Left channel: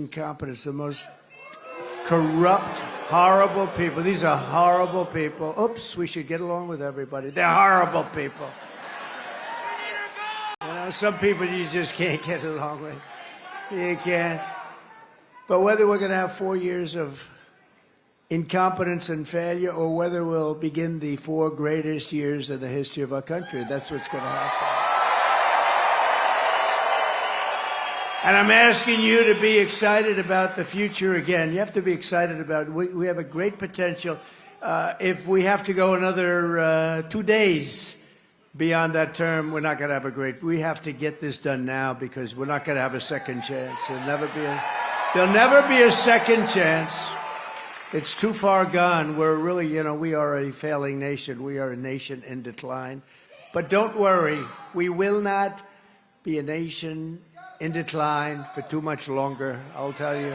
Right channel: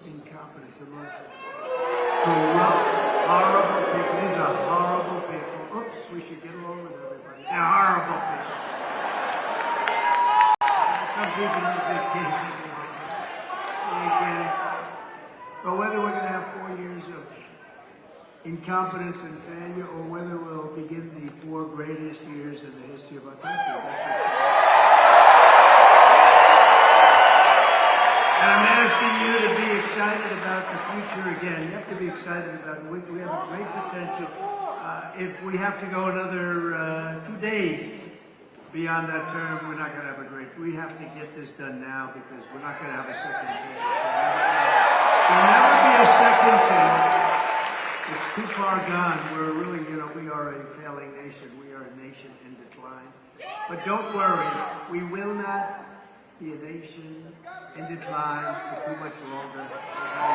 incompetence, the most corrupt, horrible people. These are horrible people. Oops, we should get along with everybody. They're horrible people. Some people you just can't get along with. You can't. But whether we're going to have 4 years of incompetence and failure, or whether we'll begin the 4 greatest years in the history of our country, that's what's going to happen. And I'm asking you to be excited about the future again. You have to be excited about it. We have a great potential. If we have to go another 2 days beyond that term, we're not going to have a great. We have to get this done now because we're not going to have a second chance. There'll never be a second chance. It's too far gone. We're really, we are a failing nation. We are a nation in decline. But don't worry, we will not be a nation in decline for too much longer, I'll tell you.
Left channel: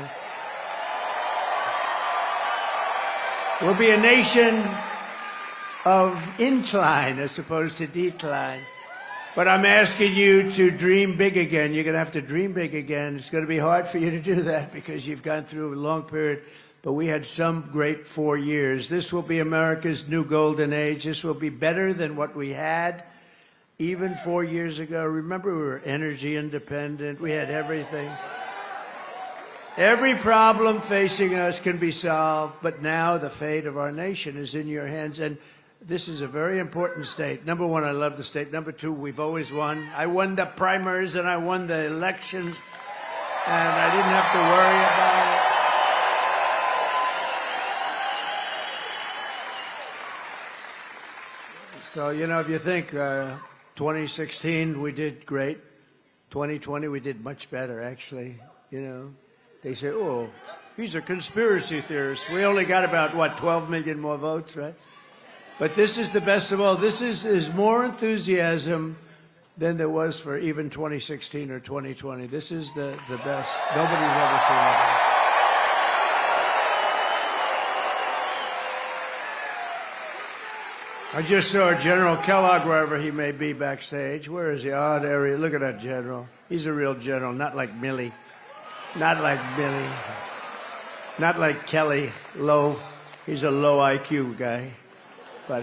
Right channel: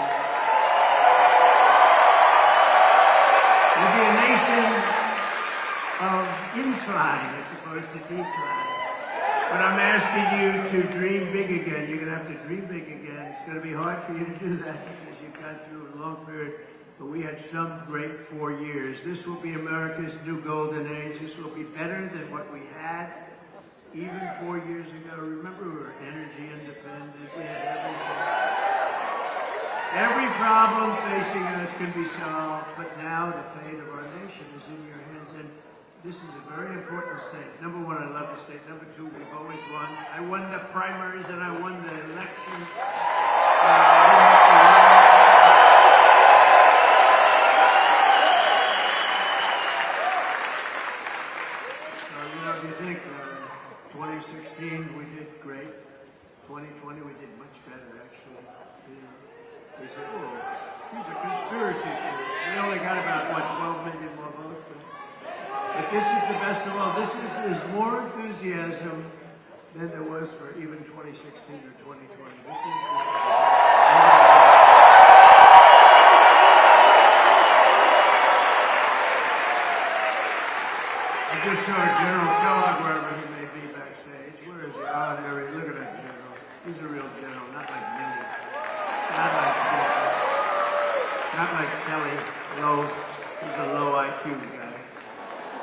We'll be a nation of incline as opposed to decline. But I'm asking you to dream big again. You're going to have to dream big again. It's going to be hard for you to do that because you've gone through a long period. But we had some great 4 years. This will be America's new golden age. This will be better than what we had even 4 years ago. Remember, we were energy independent. We had everything. Every problem facing us can be solved, but now the fate of our nation is in your hands. And this is a very important state. Number one, I love the state. Number two, we've always won. I won the primaries and I won the election. And I didn't have to worry. So, if you think 2016, we did great. 2020, we did much better, actually. They say, oh, he's a conspiracy theorist. We only got about, 12 million more votes, right? But this is the best of all. This is more enthusiasm than there was for even 2016 or 2020. This is the best. Nobody's ever seen it. I just saw General Kellogg, wherever he may be backstage. Where is he? Oh, there he is. Look at that general. He's a real general, not like Millie. Not like Millie. Not like Kelly, low. He's a low IQ guy. But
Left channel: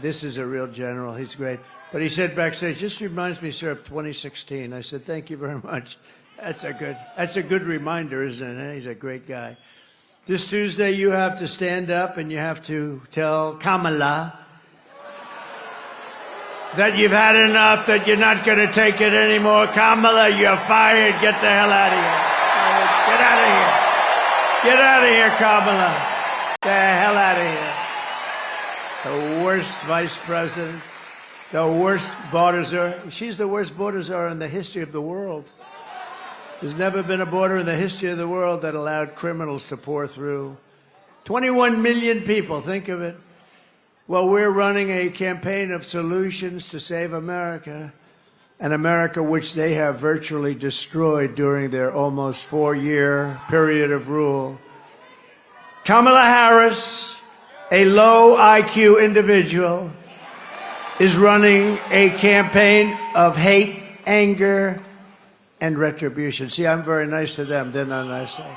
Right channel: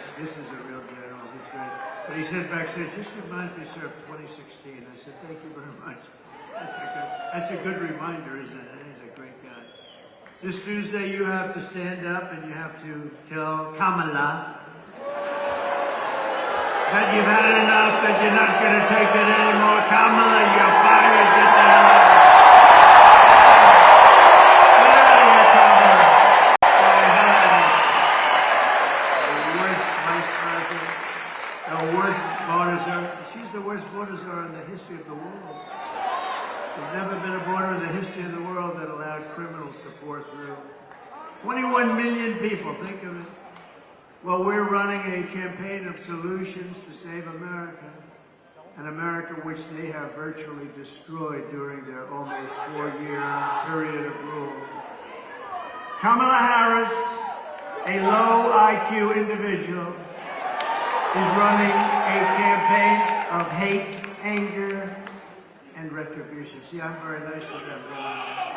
this is a real general. He's great. But he said backstage, this reminds me, sir, of 2016. I said, thank you very much. That's a good reminder, isn't it? He's a great guy. This Tuesday, you have to stand up and you have to tell Kamala that you've had enough, that you're not going to take it anymore. Kamala, you're fired. Get the hell out of here. Get out of here, Kamala. Get the hell out of here. The worst vice president, the worst border czar. She's the worst border czar in the history of the world. There's never been a border in the history of the world that allowed criminals to pour through. 21 million people, think of it. Well, we're running a campaign of solutions to save America, an America which they have virtually destroyed during their almost 4-year period of rule. Kamala Harris, a low IQ individual, is running a campaign of hate, anger, and retribution. See, I'm very nice to them. They're not nice to me.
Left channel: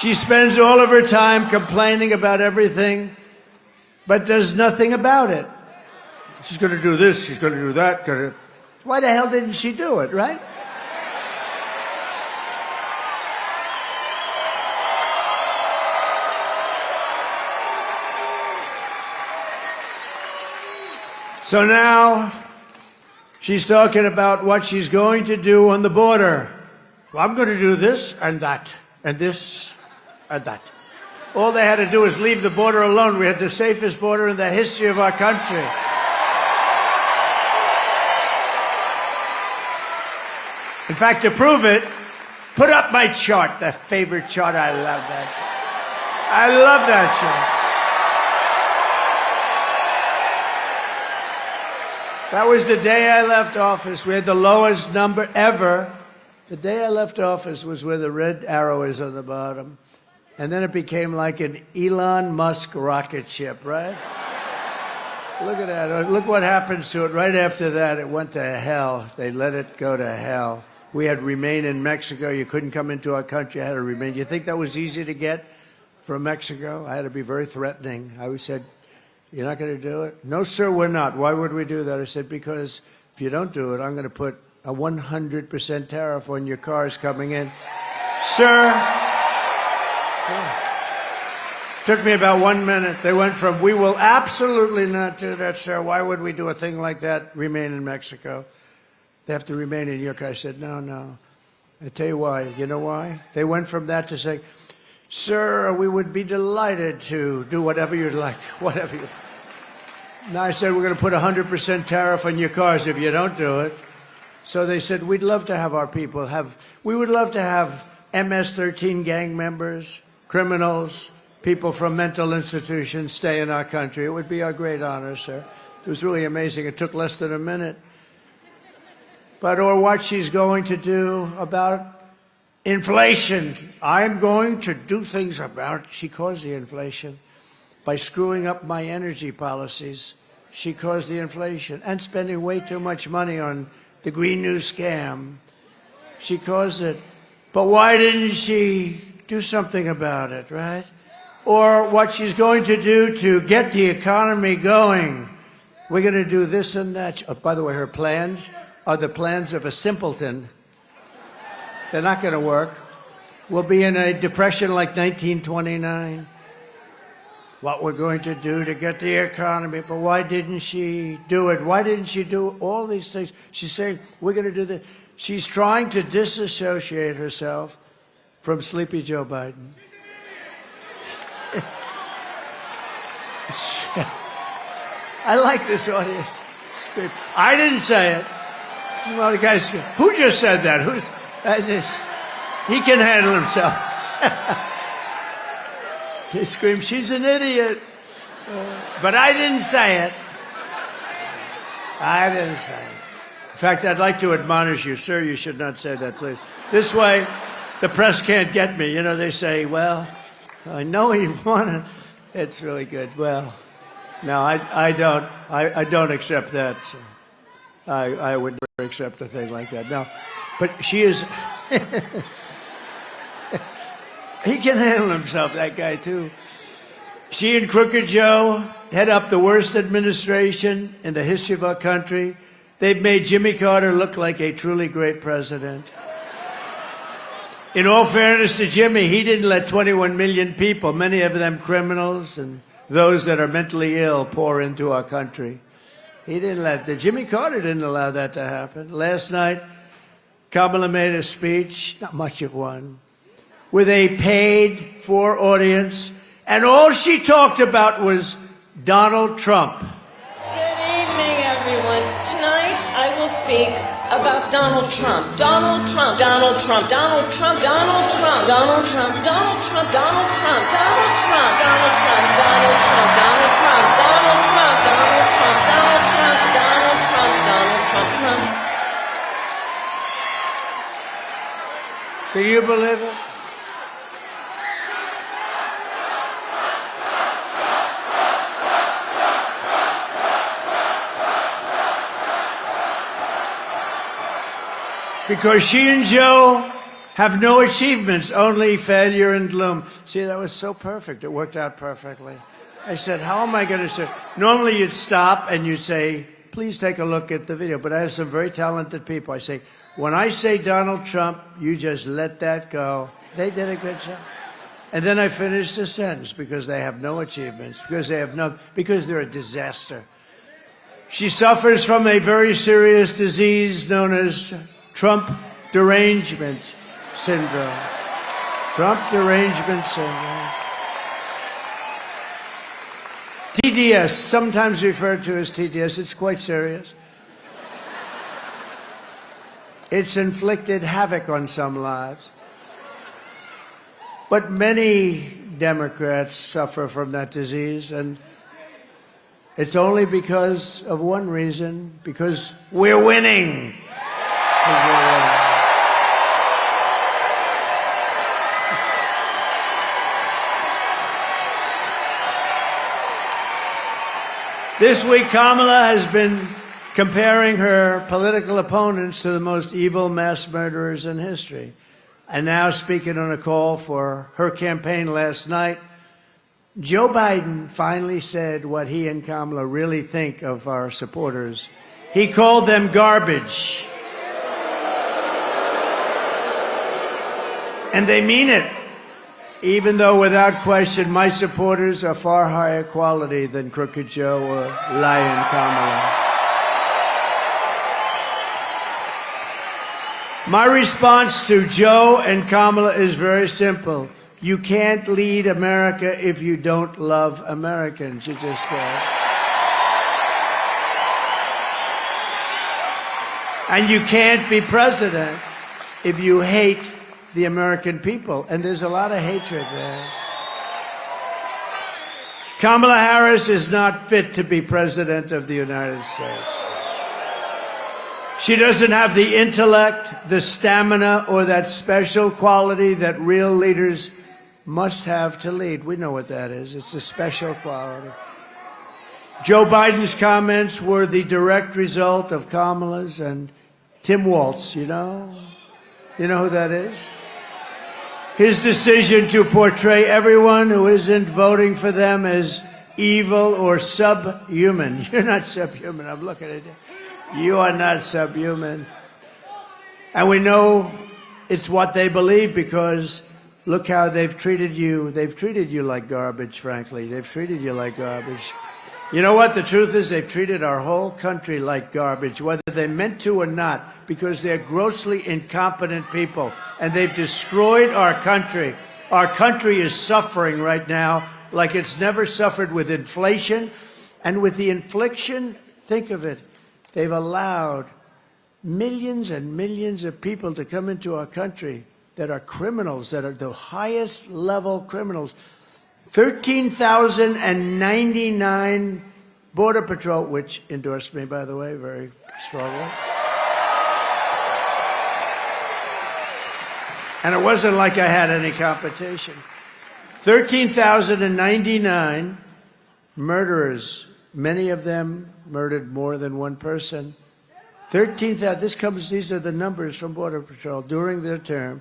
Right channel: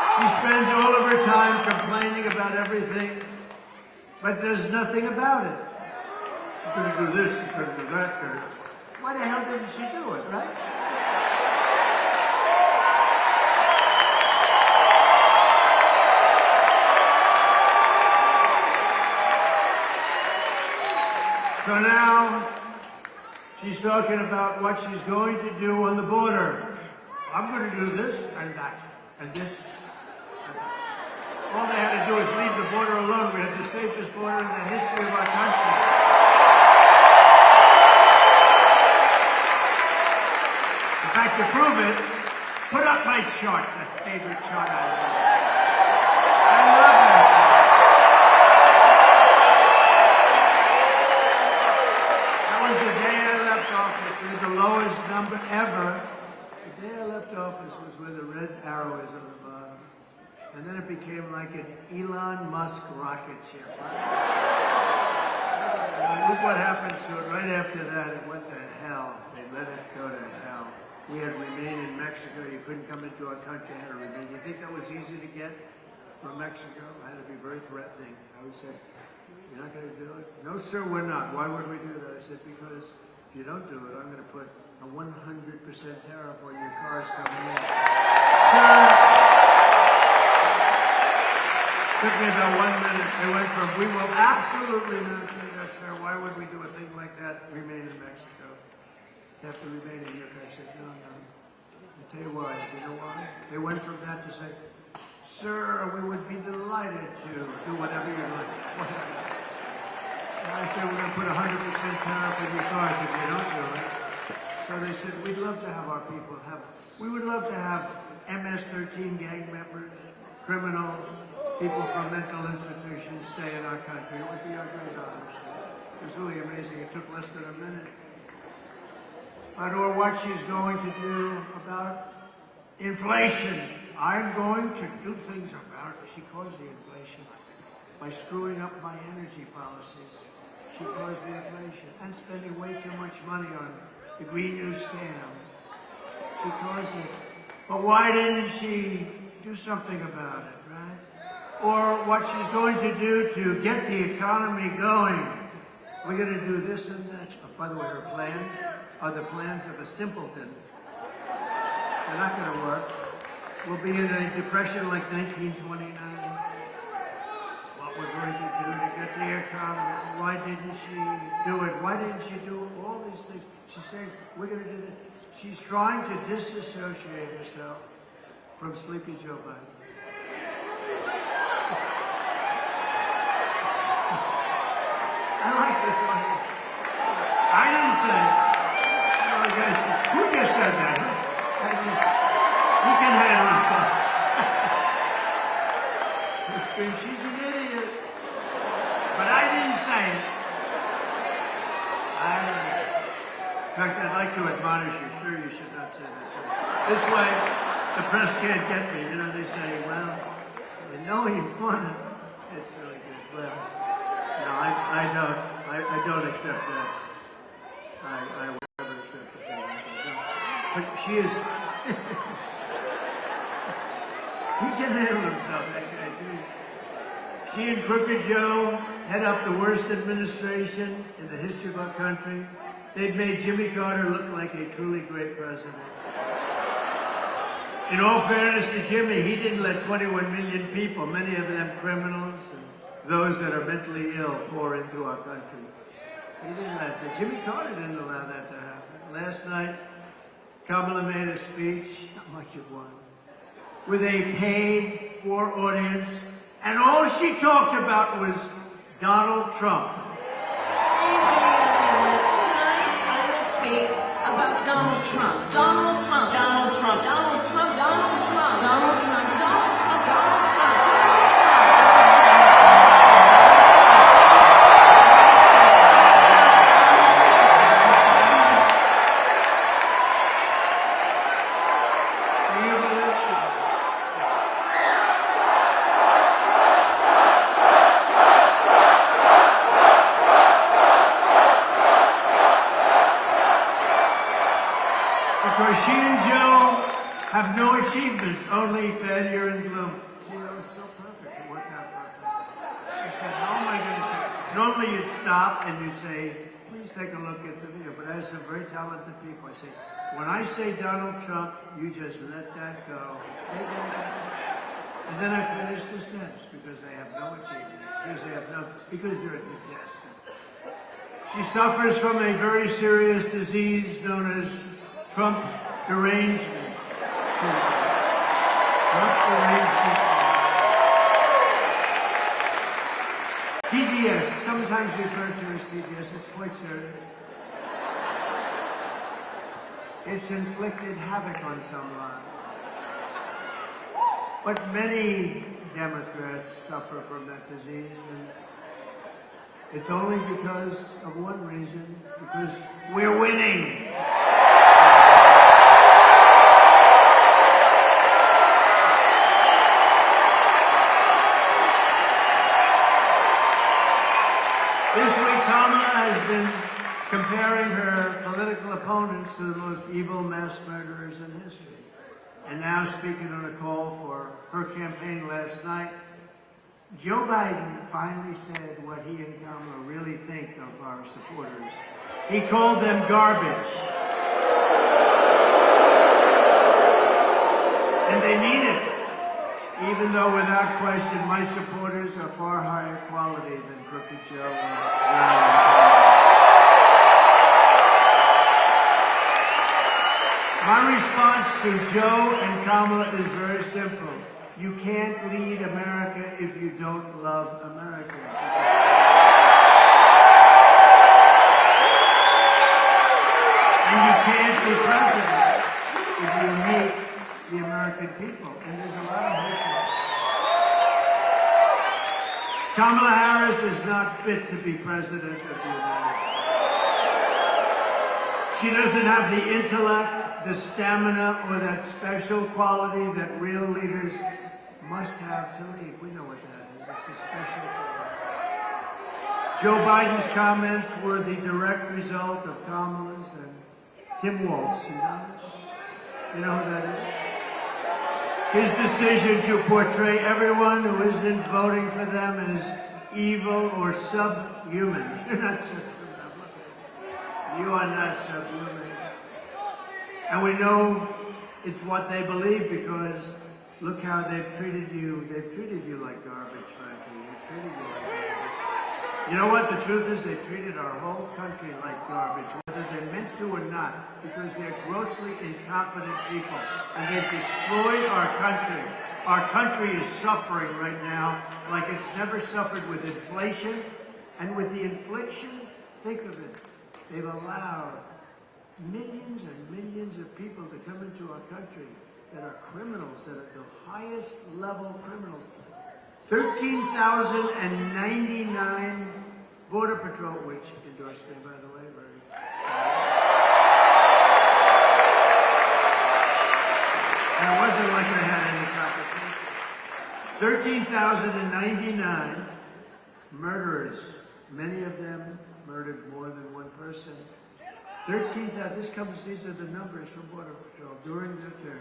She spends all of her time complaining about everything, but does nothing about it. She's going to do this, she's going to do that. Why the hell didn't she do it, right? So now, she's talking about what she's going to do on the border. Well, I'm going to do this and that, and this and that. All they had to do was leave the border alone. We had the safest border in the history of our country. In fact, to prove it, put up my chart, the favorite chart. I love that. I love that chart. That was the day I left office. We had the lowest number ever. The day I left office was where the red arrow is on the bottom. And then it became like an Elon Musk rocket ship, right? Look at that. Look what happens to it. Right after that, it went to hell. They let it go to hell. We had remain in Mexico. You couldn't come into our country. I had to remain. You think that was easy to get from Mexico? I had to be very threatening. I always said, you're not going to do it? No, sir, we're not. Why would we do that? I said, because if you don't do it, I'm going to put a 100% tariff on your cars coming in. Sir, took me about 1 minute. They went from, we will absolutely not do that, sir. Why would we do a thing like that? Remain in Mexico. They have to remain in your country. I said, no, no. I tell you why. You know why? They went from that to say, sir, we would be delighted to do whatever you'd like, whatever. Now I said, we're going to put a 100% tariff on your cars if you don't do it. So they said, we'd love to have our people we would love to have MS-13 gang members, criminals, people from mental institutions stay in our country. It would be our great honor, sir. It was really amazing. It took less than a minute. But or what she's going to do about inflation. I'm going to do things about, she caused the inflation by screwing up my energy policies. She caused the inflation and spending way too much money on the Green New scam. She caused it. But why didn't she do something about it, right? Or what she's going to do to get the economy going. We're going to do this and that. Oh, by the way, her plans are the plans of a simpleton. They're not going to work. We'll be in a depression like 1929. What we're going to do to get the economy, but why didn't she do it? Why didn't she do all these things? She's saying, we're going to do this. She's trying to disassociate herself from Sleepy Joe Biden. I like this audience. I didn't say it. Well, the guy said, who just said that? He can handle himself. He screamed, she's an idiot. But I didn't say it. I didn't say it. In fact, I'd like to admonish you, sir, you should not say that, please. This way, the press can't get me. You know, they say, well, I know you want it. It's really good. Well, no, I don't accept that. I would never accept a thing like that. No, but she is. He can handle himself, that guy too. She and Crooked Joe head up the worst administration in the history of our country. They've made Jimmy Carter look like a truly great president. In all fairness to Jimmy, he didn't let 21 million people, many of them criminals and those that are mentally ill, pour into our country. He didn't let that. Jimmy Carter didn't allow that to happen. Last night, Kamala made a speech, not much of one, with a paid-for audience, and all she talked about was Donald Trump. Good evening, everyone. Tonight, I will speak about Donald Trump. Donald Trump, Donald Trump, Donald Trump, Donald Trump, Donald Trump, Donald Trump, Donald Trump, Donald Trump, Donald Trump, Donald Trump, Donald Trump, Donald Trump, Donald Trump, Donald Trump, Donald Trump, Donald Trump, Trump. Do you believe it? Because she and Joe have no achievements, only failure and gloom. See, that was so perfect. It worked out perfectly. I said, how am I going to say? Normally you'd stop and you'd say, please take a look at the video. But I have some very talented people. I say, when I say Donald Trump, you just let that go. They did a good job. And then I finished the sentence, because they have no achievements, because they're a disaster. She suffers from a very serious disease known as Trump derangement syndrome. Trump derangement syndrome. TDS, sometimes referred to as TDS. It's quite serious. It's inflicted havoc on some lives. But many Democrats suffer from that disease, and it's only because of one reason, because we're winning. This week, Kamala has been comparing her political opponents to the most evil mass murderers in history. And now, speaking on a call for her campaign last night, Joe Biden finally said what he and Kamala really think of our supporters. He called them garbage. And they mean it, even though without question my supporters are far higher quality than Crooked Joe or Lying Kamala. My response to Joe and Kamala is very simple. You can't lead America if you don't love Americans. You just can't. And you can't be president if you hate the American people. And there's a lot of hatred there. Kamala Harris is not fit to be president of the United States. She doesn't have the intellect, the stamina, or that special quality that real leaders must have to lead. We know what that is. It's a special quality. Joe Biden's comments were the direct result of Kamala's and Tim Walz, you know? You know who that is? His decision to portray everyone who isn't voting for them as evil or subhuman. You're not subhuman. I'm looking at you. You are not subhuman. And we know it's what they believe because look how they've treated you. They've treated you like garbage, frankly. They've treated you like garbage. You know what? The truth is they've treated our whole country like garbage, whether they meant to or not, because they're grossly incompetent people, and they've destroyed our country. Our country is suffering right now like it's never suffered with inflation. And with the infliction, think of it, they've allowed millions and millions of people to come into our country that are criminals, that are the highest level criminals. 13,099 Border Patrol, which endorsed me, by the way, very strongly. And it wasn't like I had any competition. 13,099 murderers, many of them murdered more than one person. 13,000, these are the numbers from Border Patrol during their term.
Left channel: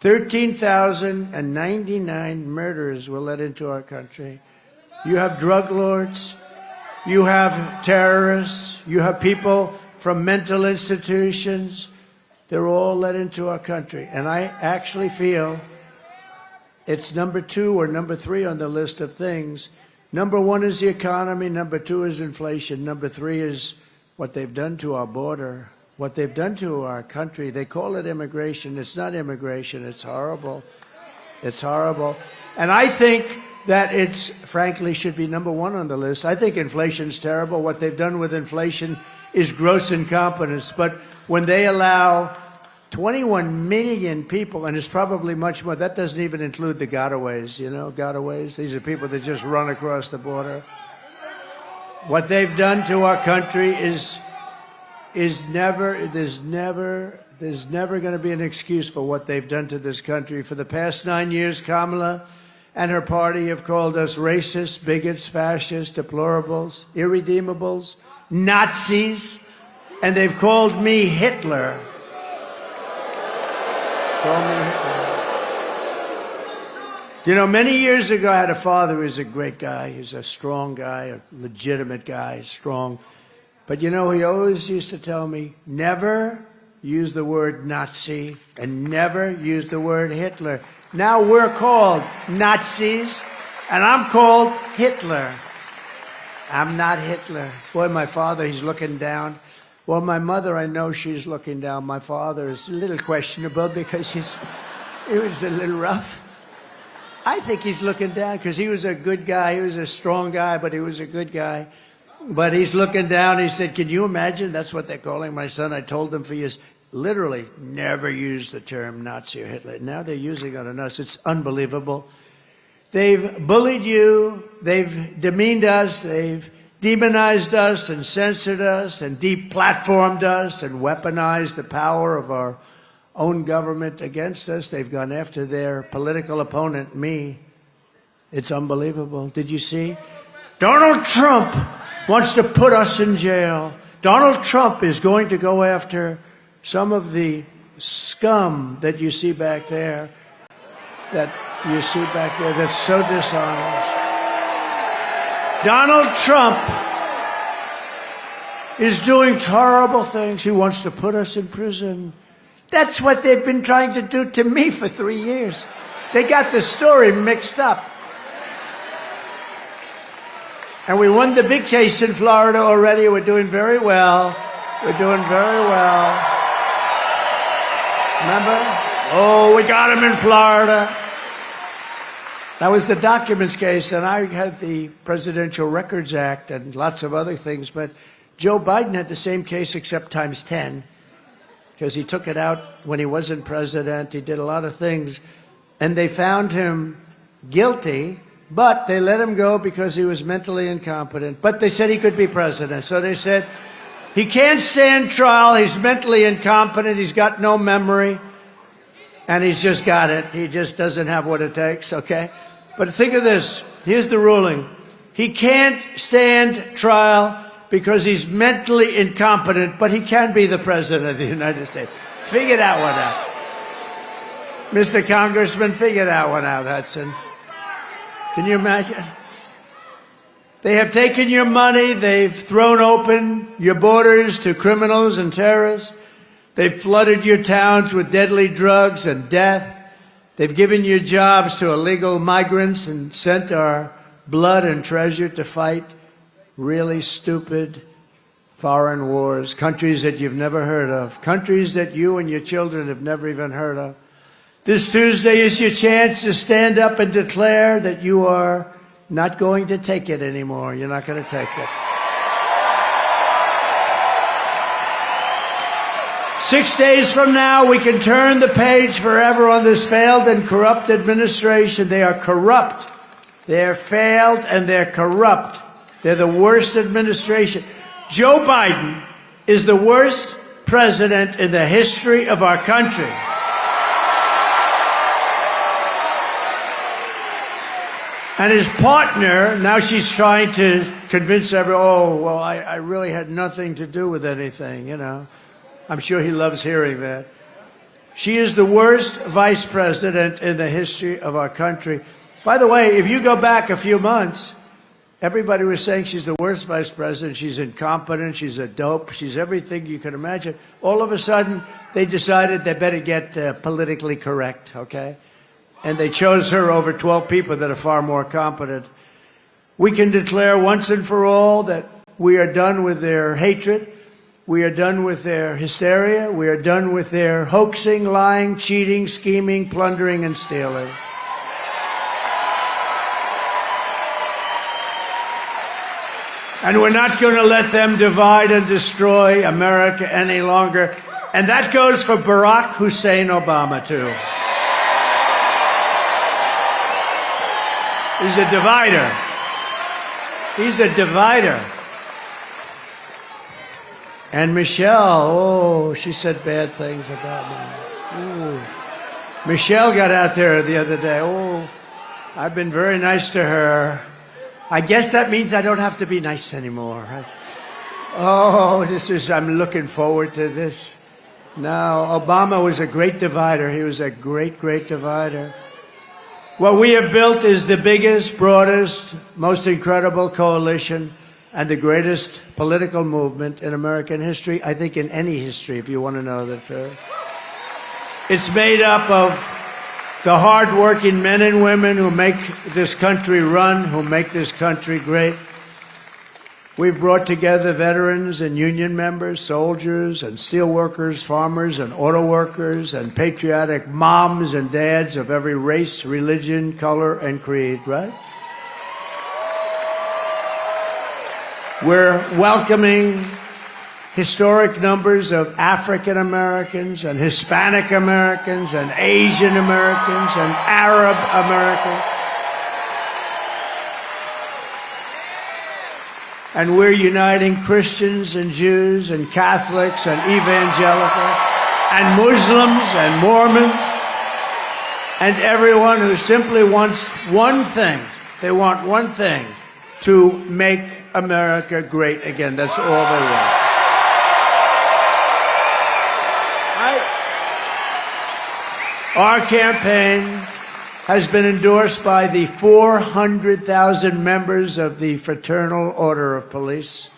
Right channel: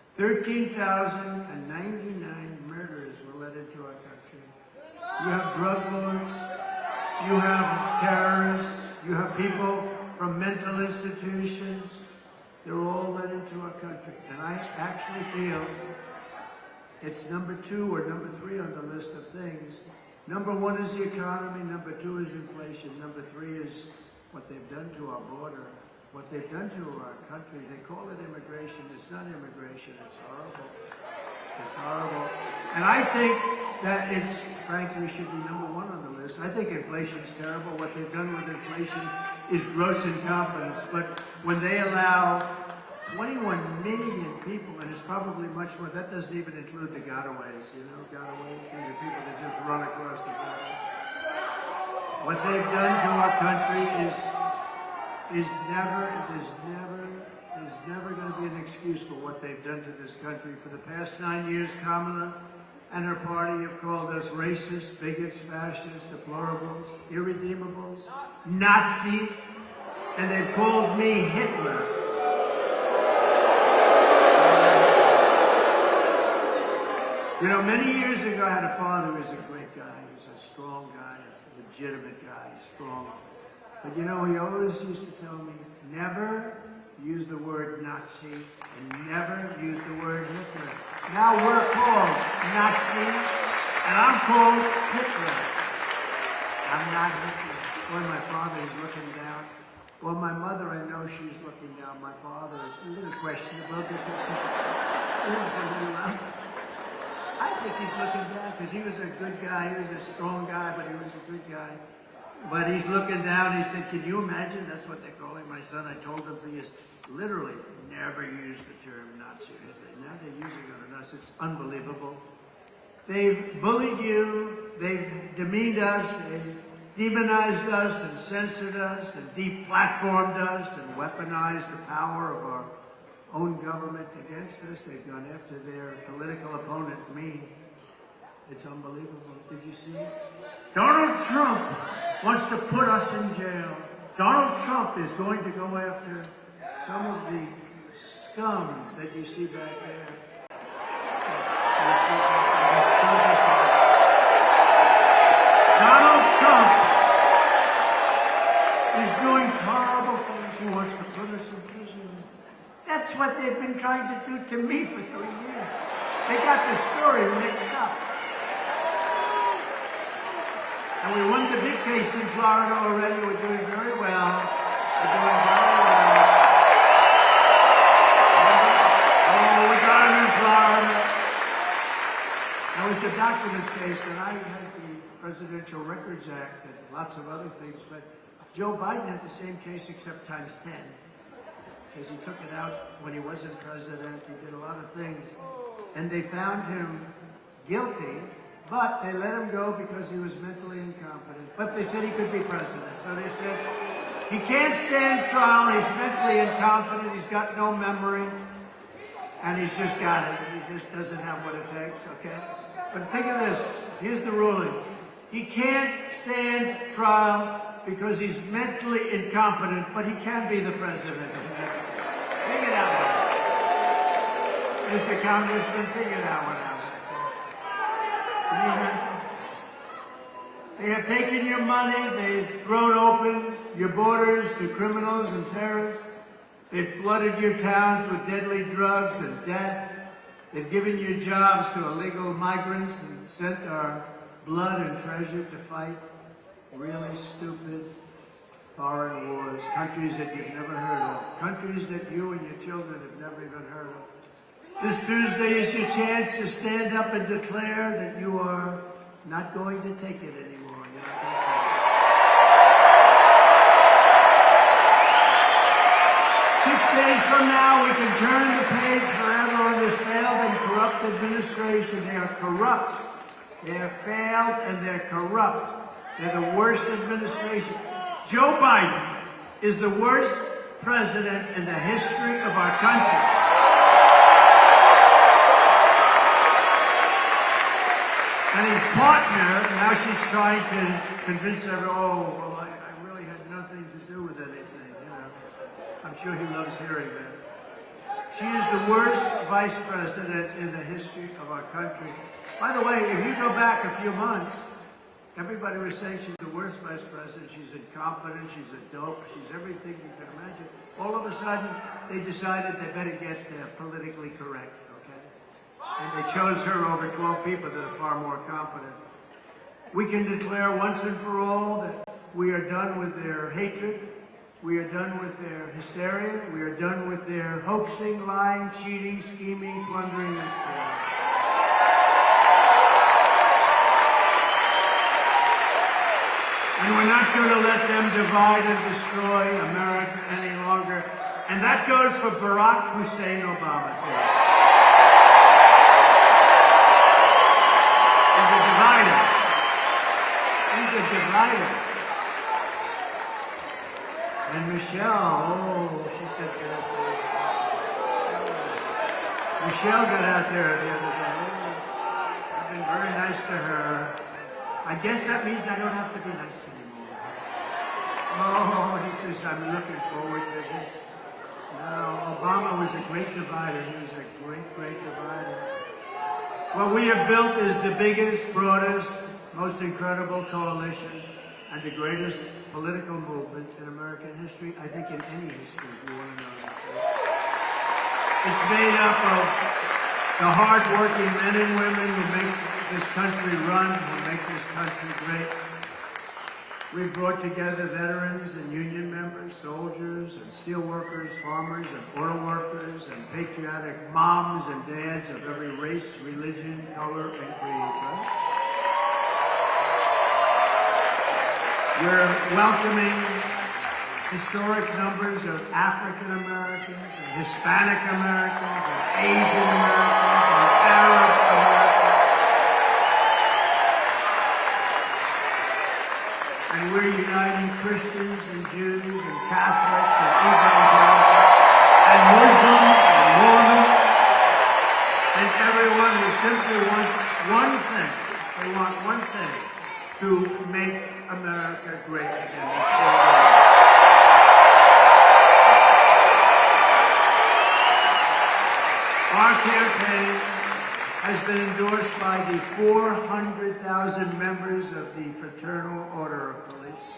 13,099 murders were let into our country. You have drug lords, you have terrorists, you have people from mental institutions. They're all let into our country. And I actually feel it's number 2 or number 3 on the list of things. Number 1 is the economy, number 2 is inflation, number 3 is what they've done to our border. What they've done to our country. They call it immigration. It's not immigration. It's horrible. It's horrible. And I think that it's, frankly, should be number 1 on the list. I think inflation's terrible. What they've done with inflation is gross incompetence. But when they allow 21 million people, and it's probably much more, that doesn't even include the gotaways, you know, gotaways. These are people that just run across the border. What they've done to our country there's never going to be an excuse for what they've done to this country. For the past 9 years, Kamala and her party have called us racists, bigots, fascists, deplorables, irredeemables, Nazis, and they've called me Hitler. You know, many years ago, I had a father who was a great guy. He's a strong guy, a legitimate guy, strong. But you know, he always used to tell me, never use the word Nazi and never use the word Hitler. Now we're called Nazis, and I'm called Hitler. I'm not Hitler. Boy, my father, he's looking down. Well, my mother, I know she's looking down. My father is a little questionable because he was a little rough. I think he's looking down because he was a good guy. He was a strong guy, but he was a good guy. But he's looking down. He said, can you imagine? That's what they're calling my son. I told them for years, literally, never use the term Nazi or Hitler. Now they're using it on us. It's unbelievable. They've bullied you. They've demeaned us. They've demonized us and censored us and deplatformed us and weaponized the power of our own government against us. They've gone after their political opponent, me. It's unbelievable. Did you see? Donald Trump wants to put us in jail. Donald Trump is going to go after some of the scum that you see back there, that's so dishonest. Donald Trump is doing horrible things. He wants to put us in prison. That's what they've been trying to do to me for 3 years. They got the story mixed up. And we won the big case in Florida already. We're doing very well. We're doing very well. Remember? Oh, we got him in Florida. That was the documents case, and I had the Presidential Records Act and lots of other things, but Joe Biden had the same case except times 10, because he took it out when he wasn't president. He did a lot of things, and they found him guilty, but they let him go because he was mentally incompetent. But they said he could be president. So they said, he can't stand trial, he's mentally incompetent, he's got no memory, and he's just got it. He just doesn't have what it takes, okay? But think of this, here's the ruling. He can't stand trial because he's mentally incompetent, but he can be the president of the United States. Figure that one out. Mr. Congressman, figure that one out, Hudson. Can you imagine? They have taken your money. They've thrown open your borders to criminals and terrorists. They've flooded your towns with deadly drugs and death. They've given you jobs to illegal migrants and sent our blood and treasure to fight really stupid foreign wars, countries that you've never heard of, countries that you and your children have never even heard of. This Tuesday is your chance to stand up and declare that you are not going to take it anymore. You're not going to take it. 6 days from now, we can turn the page forever on this failed and corrupt administration. They are corrupt. They're failed and they're corrupt. They're the worst administration. Joe Biden is the worst president in the history of our country. And his partner, now she's trying to convince everyone, oh, well, I really had nothing to do with anything, you know. I'm sure he loves hearing that. She is the worst vice president in the history of our country. By the way, if you go back a few months, everybody was saying she's the worst vice president. She's incompetent. She's a dope. She's everything you can imagine. All of a sudden, they decided they better get politically correct, okay? And they chose her over 12 people that are far more competent. We can declare once and for all that we are done with their hatred. We are done with their hysteria. We are done with their hoaxing, lying, cheating, scheming, plundering, and stealing. And we're not going to let them divide and destroy America any longer. And that goes for Barack Hussein Obama, too. He's a divider. He's a divider. And Michelle, oh, she said bad things about me. Ooh. Michelle got out there the other day. Oh, I've been very nice to her. I guess that means I don't have to be nice anymore. Right? Oh, I'm looking forward to this. No, Obama was a great divider. He was a great, great divider. What we have built is the biggest, broadest, most incredible coalition and the greatest political movement in American history, I think in any history, if you want to know that first. It's made up of the hard-working men and women who make this country run, who make this country great. We've brought together veterans and union members, soldiers and steelworkers, farmers and auto workers, and patriotic moms and dads of every race, religion, color, and creed, right? We're welcoming historic numbers of African Americans and Hispanic Americans and Asian Americans and Arab Americans. And we're uniting Christians and Jews and Catholics and evangelicals and Muslims and Mormons and everyone who simply wants one thing. They want one thing, to make America great again. That's all they want. Our campaign has been endorsed by the 400,000 members of the Fraternal Order of Police.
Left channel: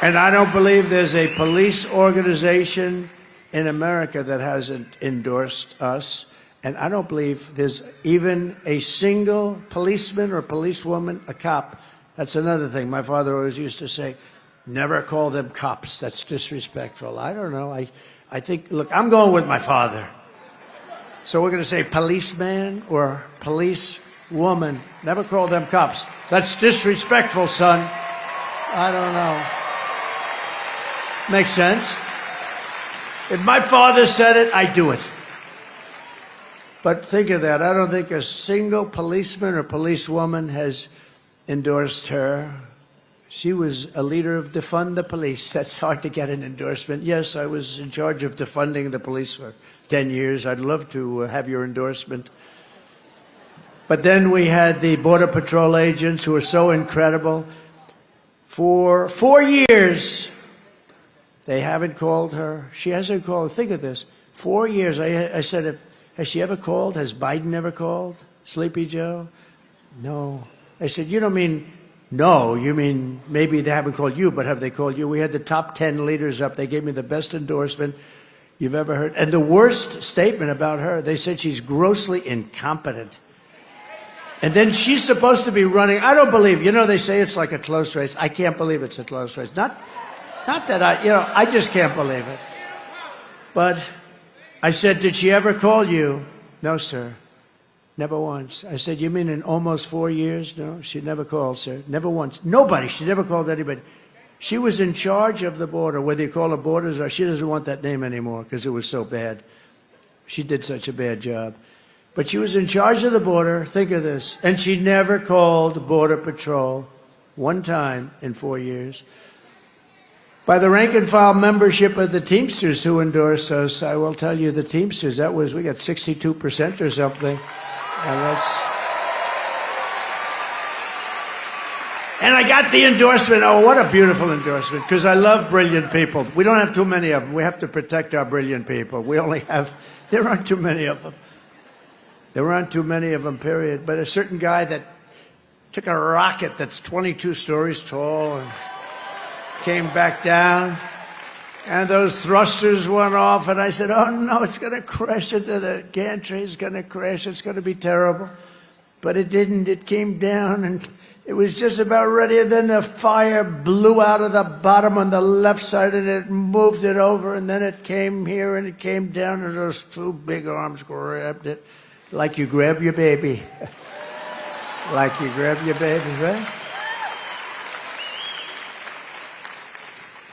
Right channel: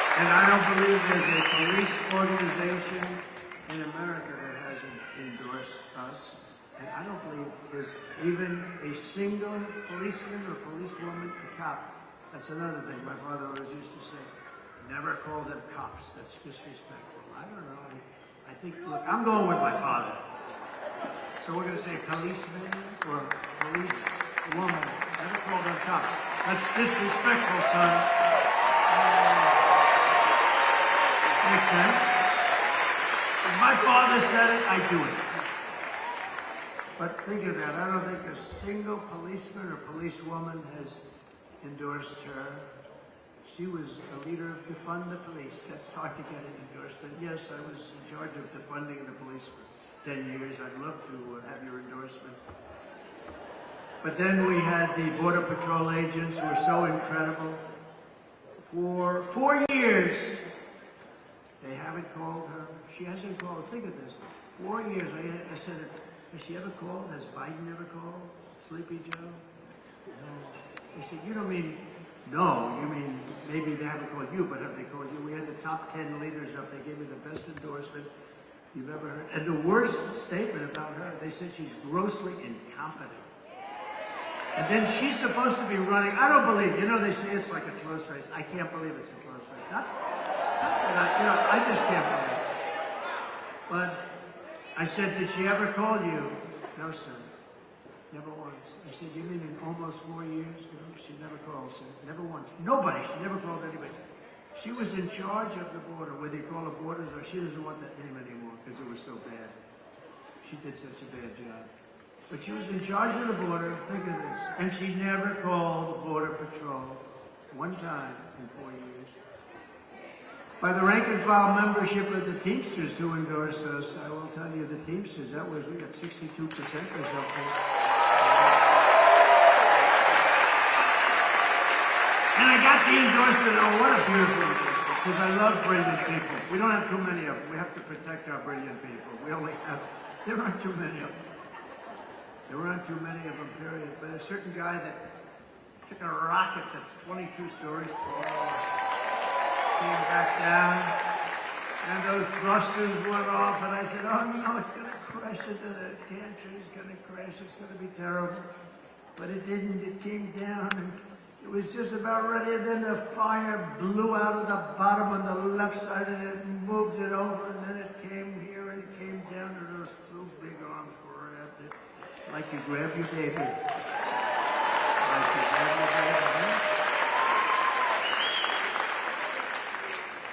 And I don't believe there's a police organization in America that hasn't endorsed us. And I don't believe there's even a single policeman or policewoman, a cop. That's another thing. My father always used to say, never call them cops. That's disrespectful. I don't know. I think, look, I'm going with my father. So we're going to say policeman or policewoman. Never call them cops. That's disrespectful, son. I don't know. Makes sense? If my father said it, I do it. But think of that. I don't think a single policeman or policewoman has endorsed her. She was a leader of Defund the Police. That's hard to get an endorsement. Yes, I was in charge of defunding the police for 10 years. I'd love to have your endorsement. But then we had the Border Patrol agents who were so incredible. For 4 years, they haven't called her. She hasn't called. Think of this. 4 years. I said, has she ever called? Has Biden ever called? Sleepy Joe? No. I said, you don't mean no. You mean maybe they haven't called you, but have they called you? We had the top 10 leaders up. They gave me the best endorsement you've ever heard. And the worst statement about her, they said she's grossly incompetent. And then she's supposed to be running. I don't believe, they say it's like a close race. I can't believe it's a close race. Not that I just can't believe it. But I said, did she ever call you? No, sir. Never once. I said, you mean in almost 4 years? No, she never called, sir. Never once. Nobody. She never called anybody. She was in charge of the border, whether you call her borders or she doesn't want that name anymore because it was so bad. She did such a bad job. But she was in charge of the border. Think of this. And she never called Border Patrol one time in 4 years. By the rank and file membership of the Teamsters who endorsed us, I will tell you the Teamsters, we got 62% or something. And I got the endorsement. Oh, what a beautiful endorsement, because I love brilliant people. We don't have too many of them. We have to protect our brilliant people. There aren't too many of them. There aren't too many of them, period. But a certain guy that took a rocket that's 22 stories tall and came back down, and those thrusters went off, and I said, oh no, it's going to crash into the gantry. It's going to crash. It's going to be terrible. But it didn't. It came down, and it was just about ready, and then the fire blew out of the bottom on the left side, and it moved it over, and then it came here, and it came down, and those two big arms grabbed it, like you grab your baby. Like you grab your baby, right?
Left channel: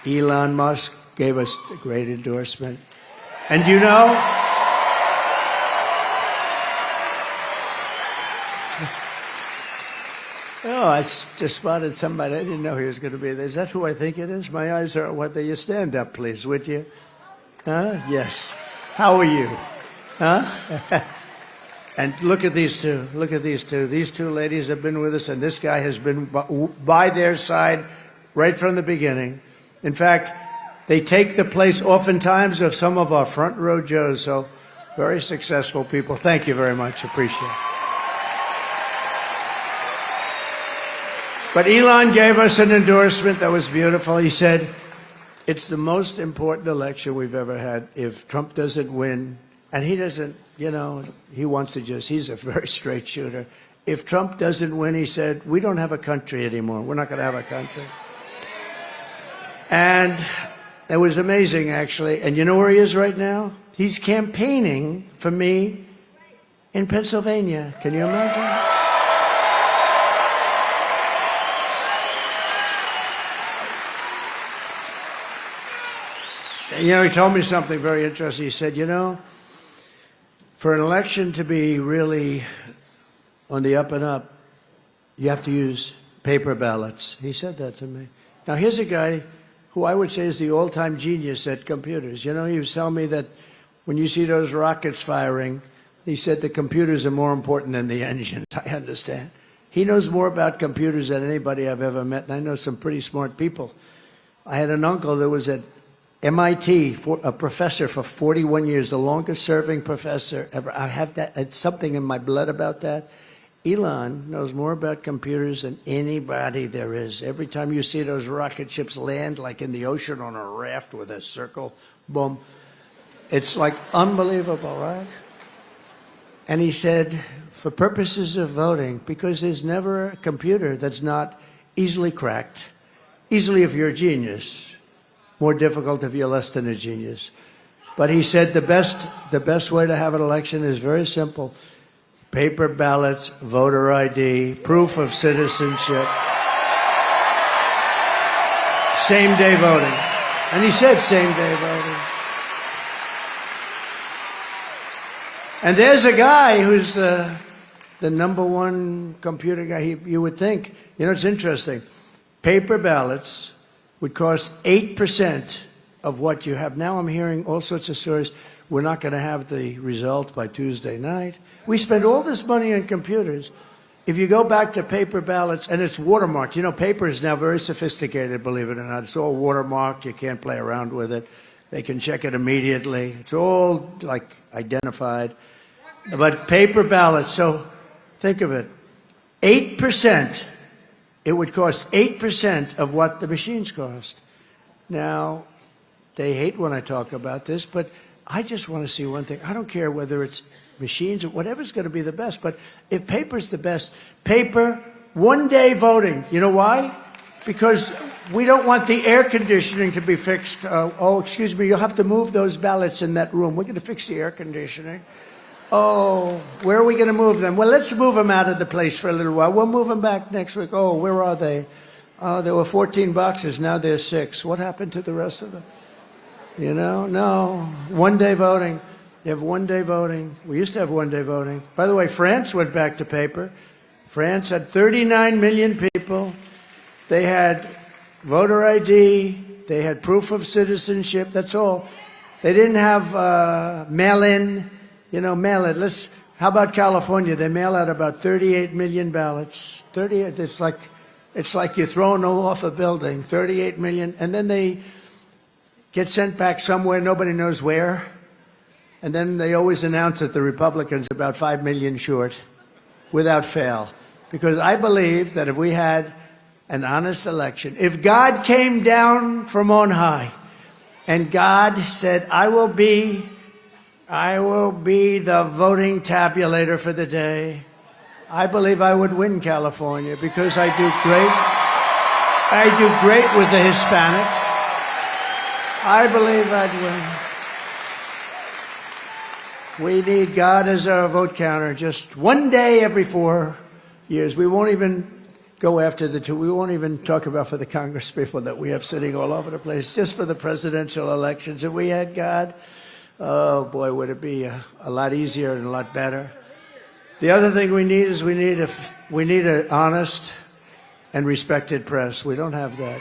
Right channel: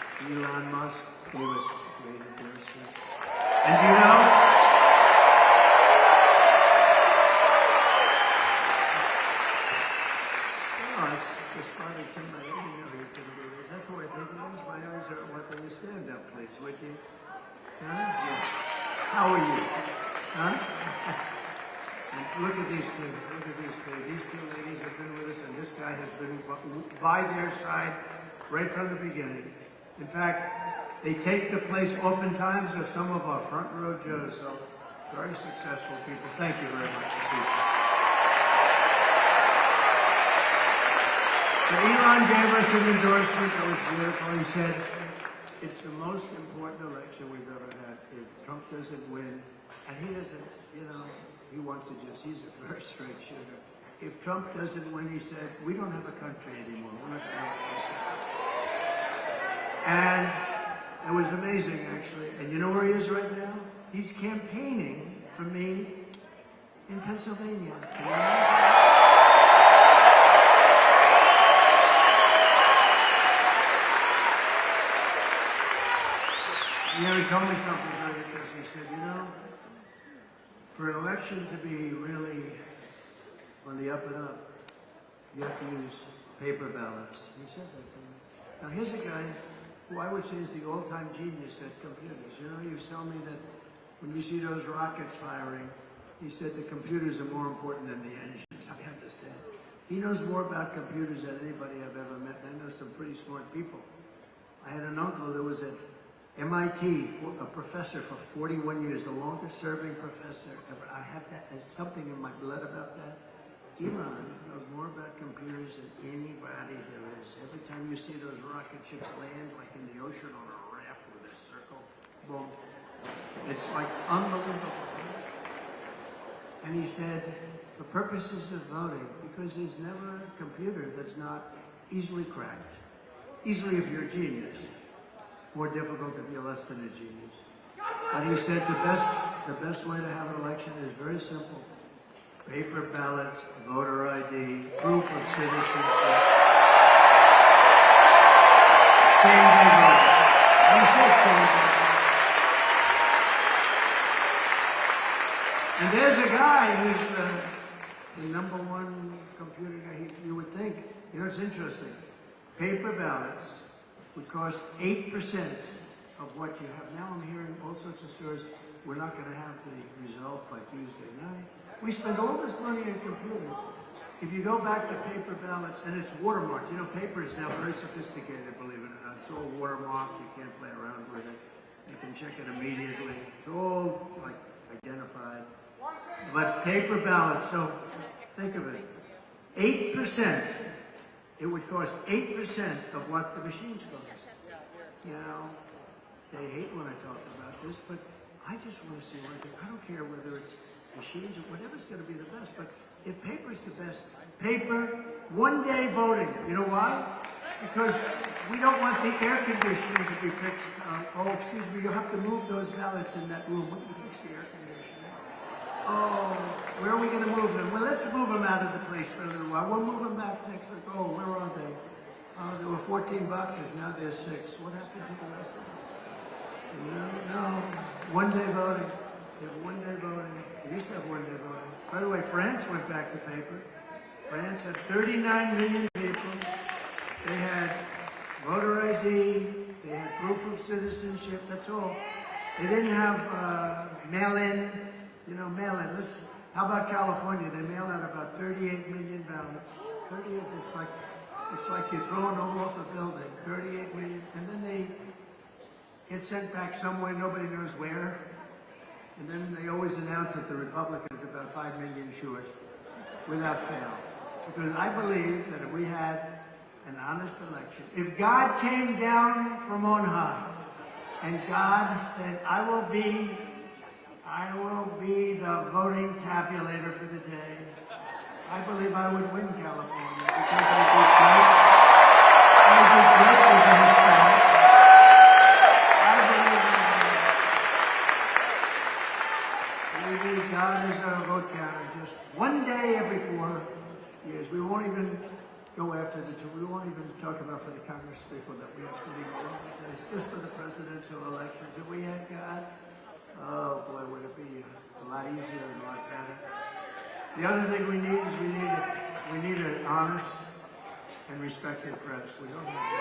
Elon Musk gave us a great endorsement. And I just spotted somebody. I didn't know he was going to be there. Is that who I think it is? My eyes are what they. You stand up, please, would you? Huh? Yes. How are you? Huh? And look at these two. Look at these two. These two ladies have been with us, and this guy has been by their side right from the beginning. In fact, they take the place oftentimes of some of our front row Joes, so very successful people. Thank you very much. Appreciate it. But Elon gave us an endorsement that was beautiful. He said, it's the most important election we've ever had. If Trump doesn't win, and he doesn't, he wants to he's a very straight shooter. If Trump doesn't win, he said, we don't have a country anymore. We're not going to have a country. And it was amazing, actually. And you know where he is right now? He's campaigning for me in Pennsylvania. Can you imagine? And, he told me something very interesting. He said, for an election to be really on the up and up, you have to use paper ballots. He said that to me. Now, here's a guy who I would say is the all-time genius at computers. He was telling me that when you see those rockets firing, he said the computers are more important than the engines. I understand. He knows more about computers than anybody I've ever met, and I know some pretty smart people. I had an uncle that was at MIT, a professor for 41 years, the longest serving professor ever. I have that, it's something in my blood about that. Elon knows more about computers than anybody there is. Every time you see those rocket ships land, like in the ocean on a raft with a circle, boom, it's like unbelievable, right? And he said, for purposes of voting, because there's never a computer that's not easily cracked, easily if you're a genius, more difficult if you're less than a genius. But he said the best way to have an election is very simple. Paper ballots, voter ID, proof of citizenship, same-day voting. And he said same-day voting. And there's a guy who's the #1 computer guy. You would think, you know, it's interesting. Paper ballots would cost 8% of what you have. Now I'm hearing all sorts of stories. We're not going to have the result by Tuesday night. We spend all this money on computers. If you go back to paper ballots, and it's watermarked. You know, paper is now very sophisticated, believe it or not. It's all watermarked. You can't play around with it. They can check it immediately. It's all, like, identified. But paper ballots, so think of it. 8%. It would cost 8% of what the machines cost. Now, they hate when I talk about this, but I just want to see one thing. I don't care whether it's machines or whatever's going to be the best, but if paper's the best, paper, one-day voting. You know why? Because we don't want the air conditioning to be fixed. Oh, excuse me, you'll have to move those ballots in that room. We're going to fix the air conditioning. Oh, where are we going to move them? Well, let's move them out of the place for a little while. We'll move them back next week. Oh, where are they? There were 14 boxes. Now there's 6. What happened to the rest of them? You know, no. One-day voting. You have one-day voting. We used to have one-day voting. By the way, France went back to paper. France had 39 million people. They had voter ID. They had proof of citizenship. That's all. They didn't have mail-in. You know, mail it. How about California? They mail out about 38 million ballots. 38. It's like you're throwing them off a building. 38 million, and then they get sent back somewhere. Nobody knows where. And then they always announce that the Republicans are about 5 million short, without fail. Because I believe that if we had an honest election, if God came down from on high, and God said, I will be the voting tabulator for the day, I believe I would win California because I do great with the Hispanics. I believe I'd win. We need God as our vote counter just one day every 4 years. We won't even go after the two. We won't even talk about for the Congress people that we have sitting all over the place, just for the presidential elections. If we had God, oh boy, would it be a lot easier and a lot better. The other thing we need is we need an honest and respected press. We don't have that.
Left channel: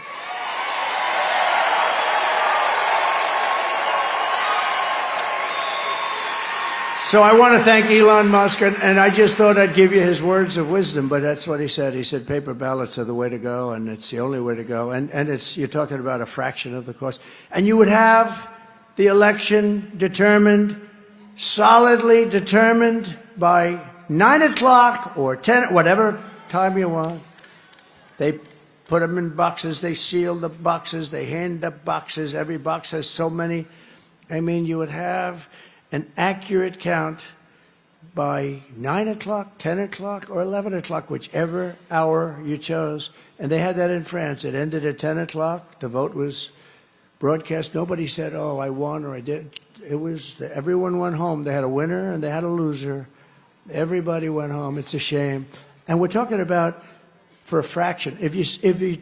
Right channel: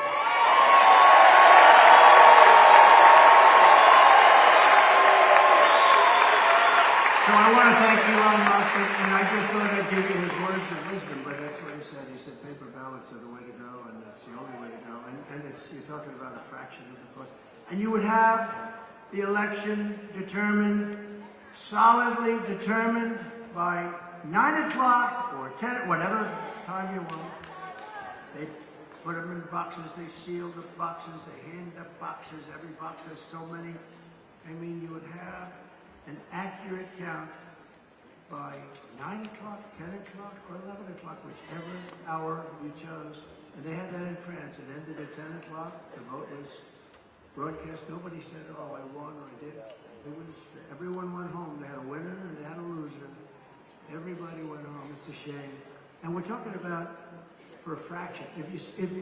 So I want to thank Elon Musk, and I just thought I'd give you his words of wisdom, but that's what he said. He said paper ballots are the way to go, and it's the only way to go. And you're talking about a fraction of the cost. And you would have the election determined, solidly determined by 9 o'clock or 10, whatever time you want. They put them in boxes, they seal the boxes, they hand the boxes. Every box has so many. I mean, you would have an accurate count by 9 o'clock, 10 o'clock, or 11 o'clock, whichever hour you chose. And they had that in France. It ended at 10 o'clock. The vote was broadcast. Nobody said, oh, I won or I didn't. It was, everyone went home. They had a winner and they had a loser. Everybody went home. It's a shame. And we're talking about for a fraction. If you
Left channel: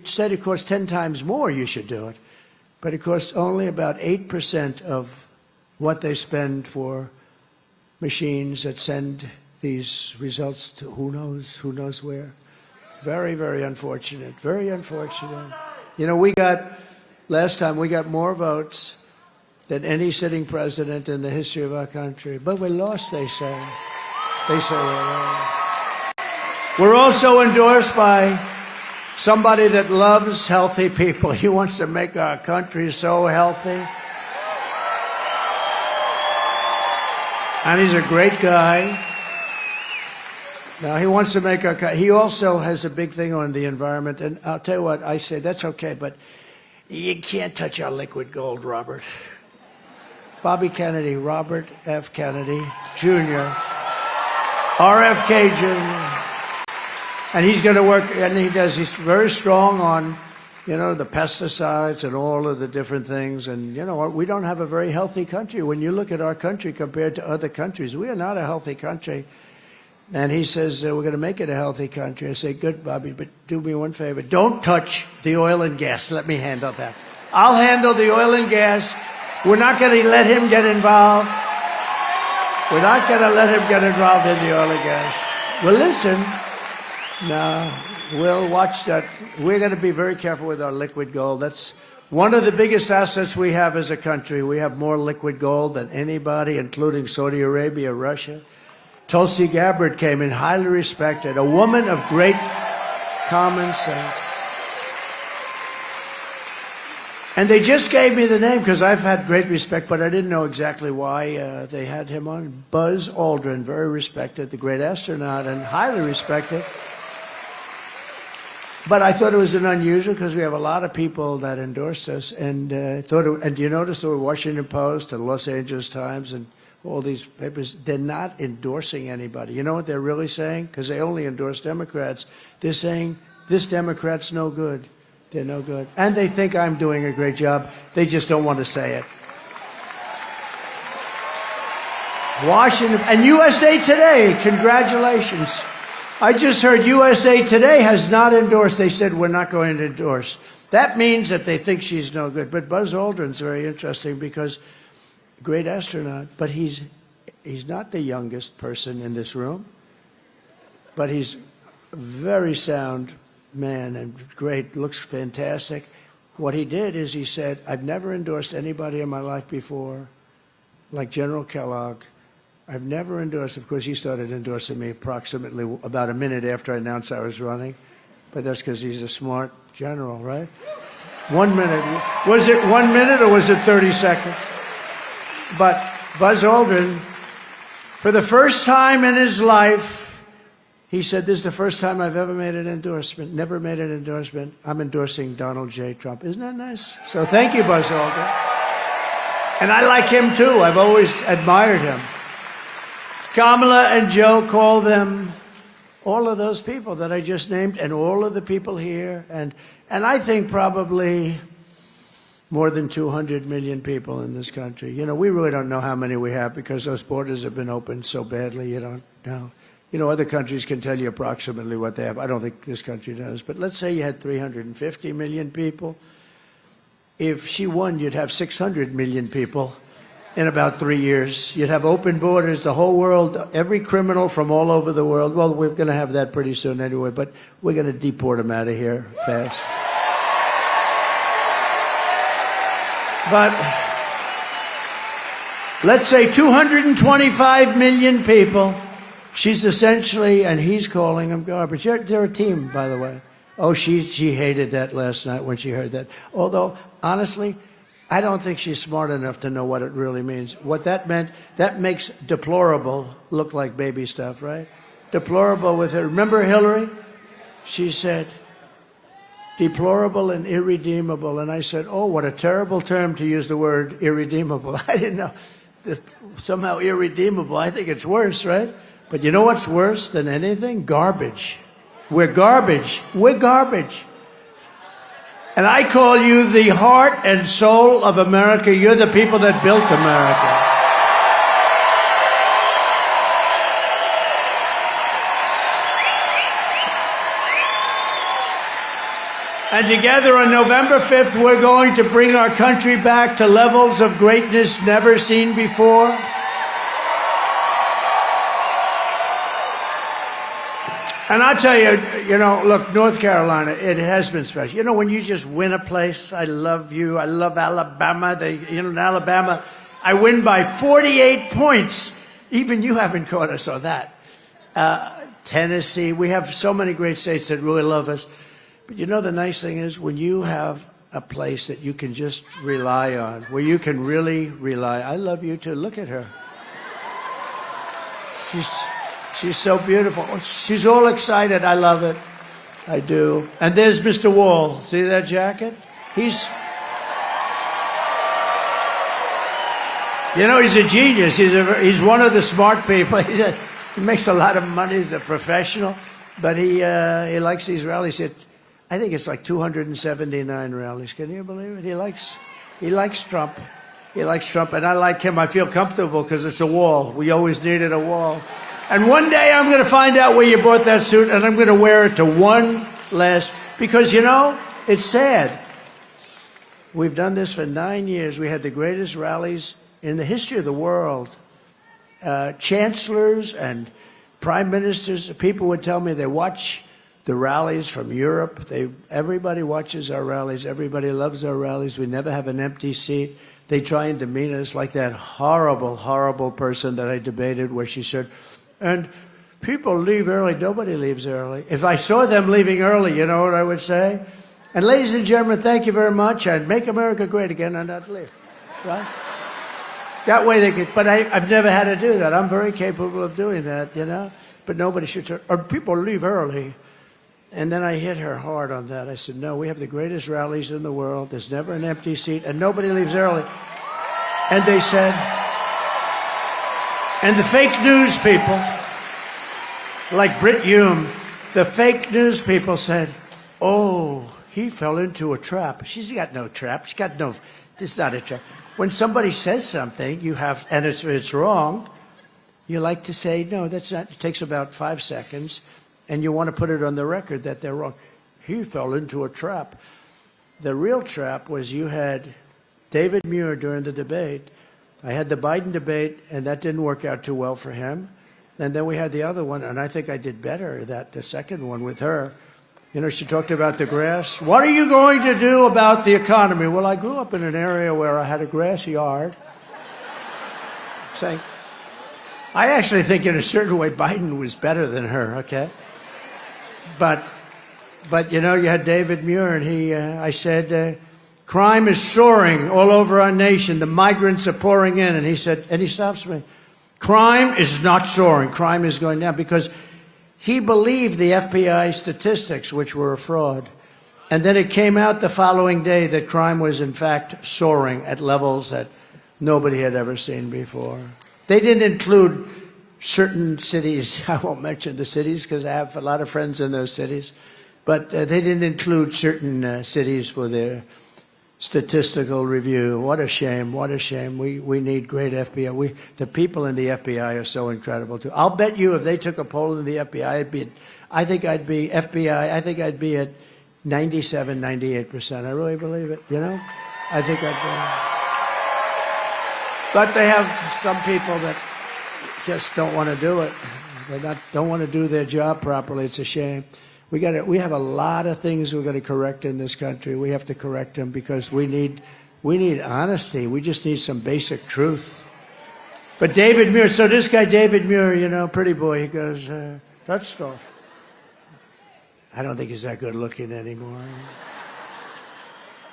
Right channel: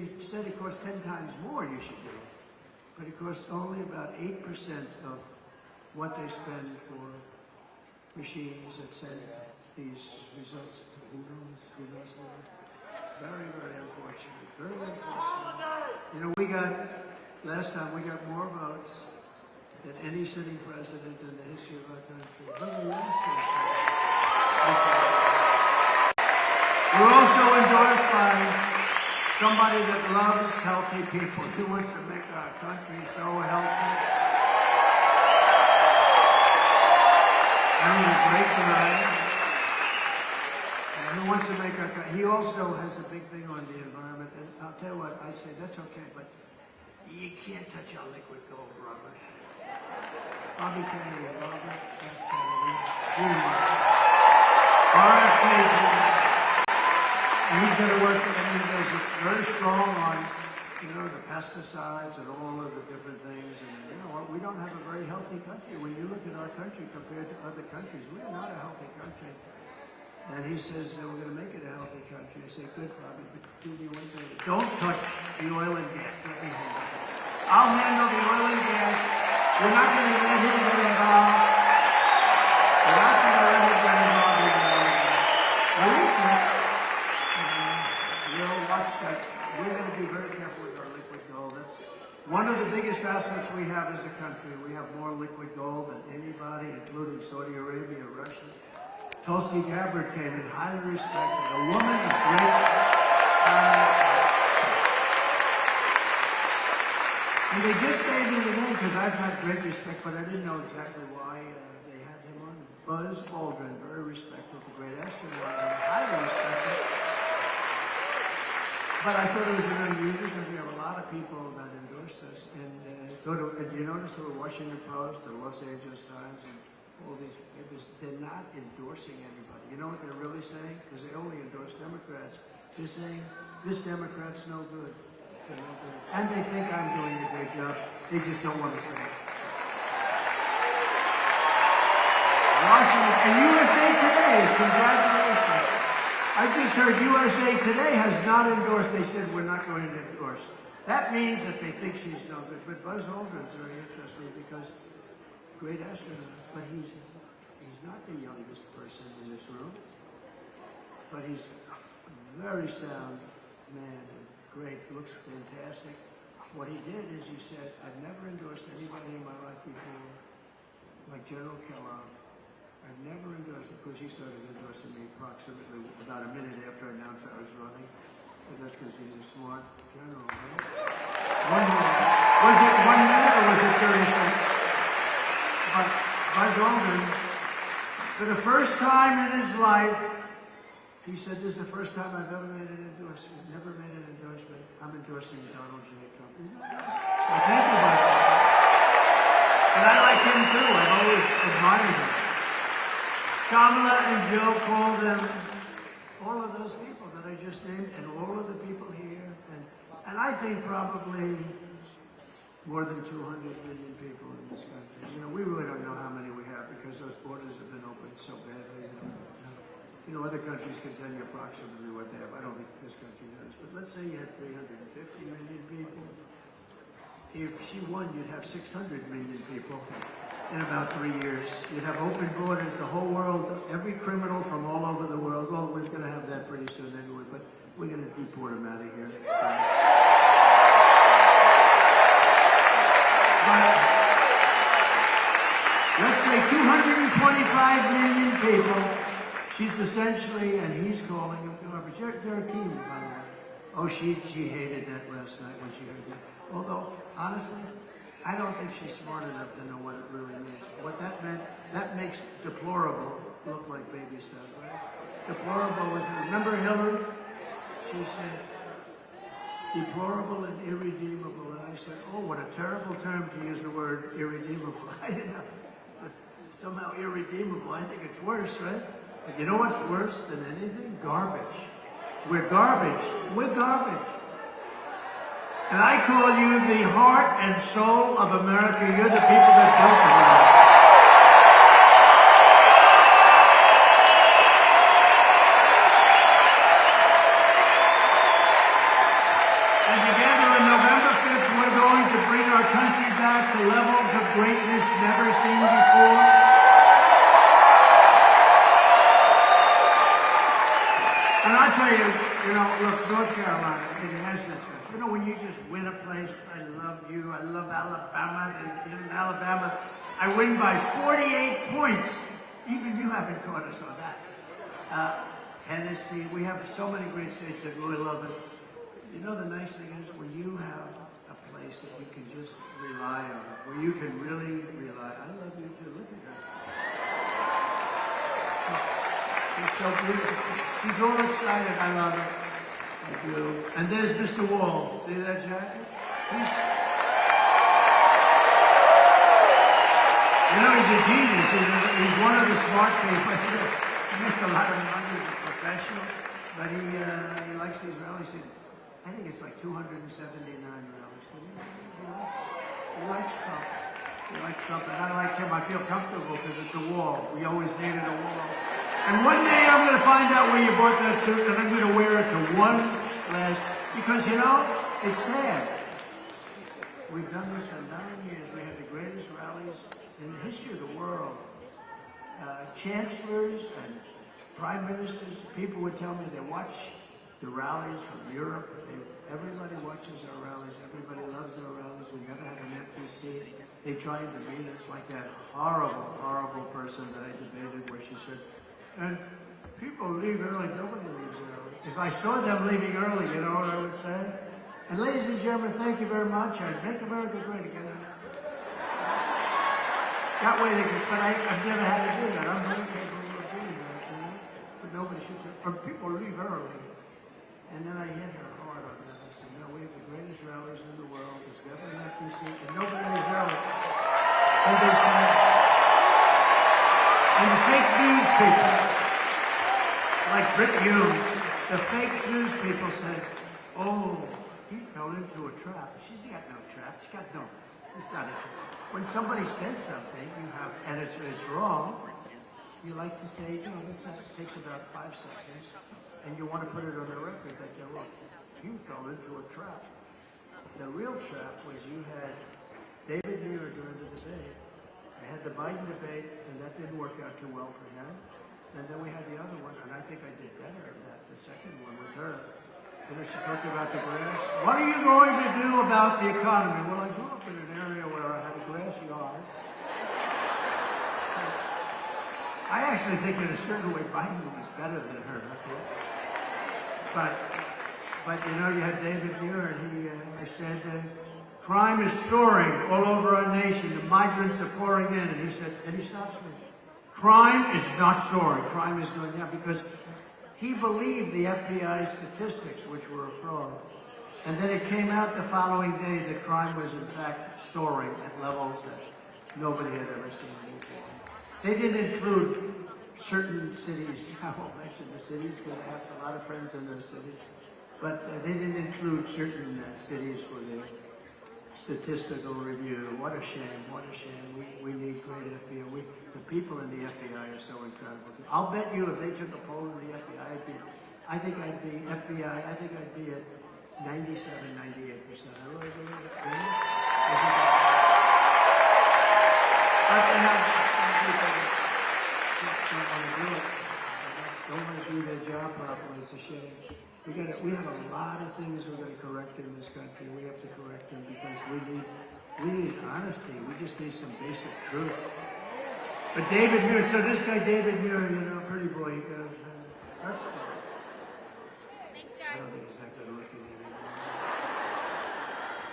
said it costs 10 times more, you should do it. But it costs only about 8% of what they spend for machines that send these results to who knows where. Very, very unfortunate. Very unfortunate. You know, last time we got more votes than any sitting president in the history of our country. But we lost, they say. We're also endorsed by somebody that loves healthy people. He wants to make our country so healthy. And he's a great guy. Now, he wants to make our country. He also has a big thing on the environment. And I'll tell you what, I say, that's okay, but you can't touch our liquid gold, Robert. Bobby Kennedy, Robert F. Kennedy, Jr., RFK Jr., and he's going to work, and he's very strong on, you know, the pesticides and all of the different things. And you know what, we don't have a very healthy country. When you look at our country compared to other countries, we are not a healthy country. And he says, we're going to make it a healthy country. I say, good, Bobby, but do me one favor. Don't touch the oil and gas. Let me handle that. I'll handle the oil and gas. We're not going to let him get involved. We're not going to let him get involved in the oil and gas. Well, listen. No, we'll watch that. We're going to be very careful with our liquid gold. That's one of the biggest assets we have as a country. We have more liquid gold than anybody, including Saudi Arabia, Russia. Tulsi Gabbard came in, highly respected, a woman of great common sense. And they just gave me the name because I've had great respect, but I didn't know exactly why they had him on. Buzz Aldrin, very respected, the great astronaut, and highly respected. But I thought it was an unusual because we have a lot of people that endorse us. And and you notice the Washington Post, the Los Angeles Times, and all these papers, they're not endorsing anybody. You know what they're really saying? Because they only endorse Democrats. They're saying, this Democrat's no good. They're no good. And they think I'm doing a great job. They just don't want to say it. Washington, and USA Today, congratulations. I just heard USA Today has not endorsed. They said, we're not going to endorse. That means that they think she's no good. But Buzz Aldrin's very interesting because great astronaut, but he's not the youngest person in this room, but he's a very sound man and great, looks fantastic. What he did is he said, I've never endorsed anybody in my life before, like General Kellogg. I've never endorsed, of course, he started endorsing me approximately about a minute after I announced I was running, but that's because he's a smart general, right? 1 minute. Was it 1 minute or was it 30 seconds? But Buzz Aldrin, for the first time in his life, he said, this is the first time I've ever made an endorsement, never made an endorsement. I'm endorsing Donald J. Trump. Isn't that nice? So thank you, Buzz Aldrin. And I like him too. I've always admired him. Kamala and Joe call them all of those people that I just named and all of the people here. And I think probably more than 200 million people in this country. You know, we really don't know how many we have because those borders have been opened so badly, you don't know. You know, other countries can tell you approximately what they have. I don't think this country does. But let's say you had 350 million people. If she won, you'd have 600 million people in about 3 years. You'd have open borders, the whole world, every criminal from all over the world. Well, we're going to have that pretty soon anyway, but we're going to deport them out of here fast. But let's say 225 million people. She's essentially, and he's calling them garbage. They're a team, by the way. Oh, she hated that last night when she heard that. Although, honestly, I don't think she's smart enough to know what it really means. What that meant, that makes deplorable look like baby stuff, right? Deplorable with her. Remember Hillary? She said, deplorable and irredeemable. And I said, oh, what a terrible term to use the word irredeemable. I didn't know. Somehow irredeemable. I think it's worse, right? But you know what's worse than anything? Garbage. We're garbage. We're garbage. And I call you the heart and soul of America. You're the people that built America. And together on November 5th, we're going to bring our country back to levels of greatness never seen before. And I'll tell you, you know, look, North Carolina, it has been special. You know, when you just win a place, I love you. I love Alabama. In Alabama, I win by 48 points. Even you haven't caught us on that. Tennessee, we have so many great states that really love us. But you know, the nice thing is when you have a place that you can just rely on, where you can really rely. I love you too. Look at her. She's so beautiful. She's all excited. I love it. I do. And there's Mr. Wall. See that jacket? He's a genius. He's one of the smart people. He makes a lot of money. He's a professional. But he likes these rallies. I think it's like 279 rallies. Can you believe it? He likes Trump. He likes Trump, and I like him. I feel comfortable because it's a wall. We always needed a wall. And one day I'm going to find out where you bought that suit, and I'm going to wear it to one last, because, it's sad. We've done this for 9 years. We had the greatest rallies in the history of the world. Chancellors and prime ministers, people would tell me they watch the rallies from Europe. Everybody watches our rallies. Everybody loves our rallies. We never have an empty seat. They try and demean us like that horrible, horrible person that I debated where she said, and people leave early. Nobody leaves early. If I saw them leaving early, you know what I would say? And ladies and gentlemen, thank you very much, and make America great again and not leave. Right? That way they could, but I've never had to do that. I'm very capable of doing that, But nobody should say, or people leave early. And then I hit her hard on that. I said, no, we have the greatest rallies in the world. There's never an empty seat, and nobody leaves early. And they said, and the fake news people, like Brit Hume, the fake news people said, oh, he fell into a trap. She's got no trap. She's got no, this is not a trap. When somebody says something, and it's wrong, you like to say, no, that's not, it takes about 5 seconds. And you want to put it on the record that they're wrong. He fell into a trap. The real trap was you had David Muir during the debate. I had the Biden debate, and that didn't work out too well for him. And then we had the other one, and I think I did better, the second one with her. She talked about the grass. What are you going to do about the economy? Well, I grew up in an area where I had a grass yard. Saying, I actually think in a certain way Biden was better than her, okay? But you had David Muir, and I said, crime is soaring all over our nation. The migrants are pouring in. And he said, and he stops me. Crime is not soaring. Crime is going down, because he believed the FBI statistics, which were a fraud. And then it came out the following day that crime was, in fact, soaring at levels that nobody had ever seen before. They didn't include certain cities. I won't mention the cities because I have a lot of friends in those cities. But they didn't include certain cities for their statistical review. What a shame. What a shame. We need great FBI. The people in the FBI are so incredible, too. I'll bet you if they took a poll in the FBI, I think I'd be at 97, 98%. I really believe it, I think I'd be. But they have some people that just don't want to do it. Don't want to do their job properly. It's a shame. We have a lot of things we're going to correct in this country. We have to correct them because we need honesty. We just need some basic truth. But David Muir, so this guy David Muir, pretty boy, he goes, touch stuff. I don't think he's that good looking anymore.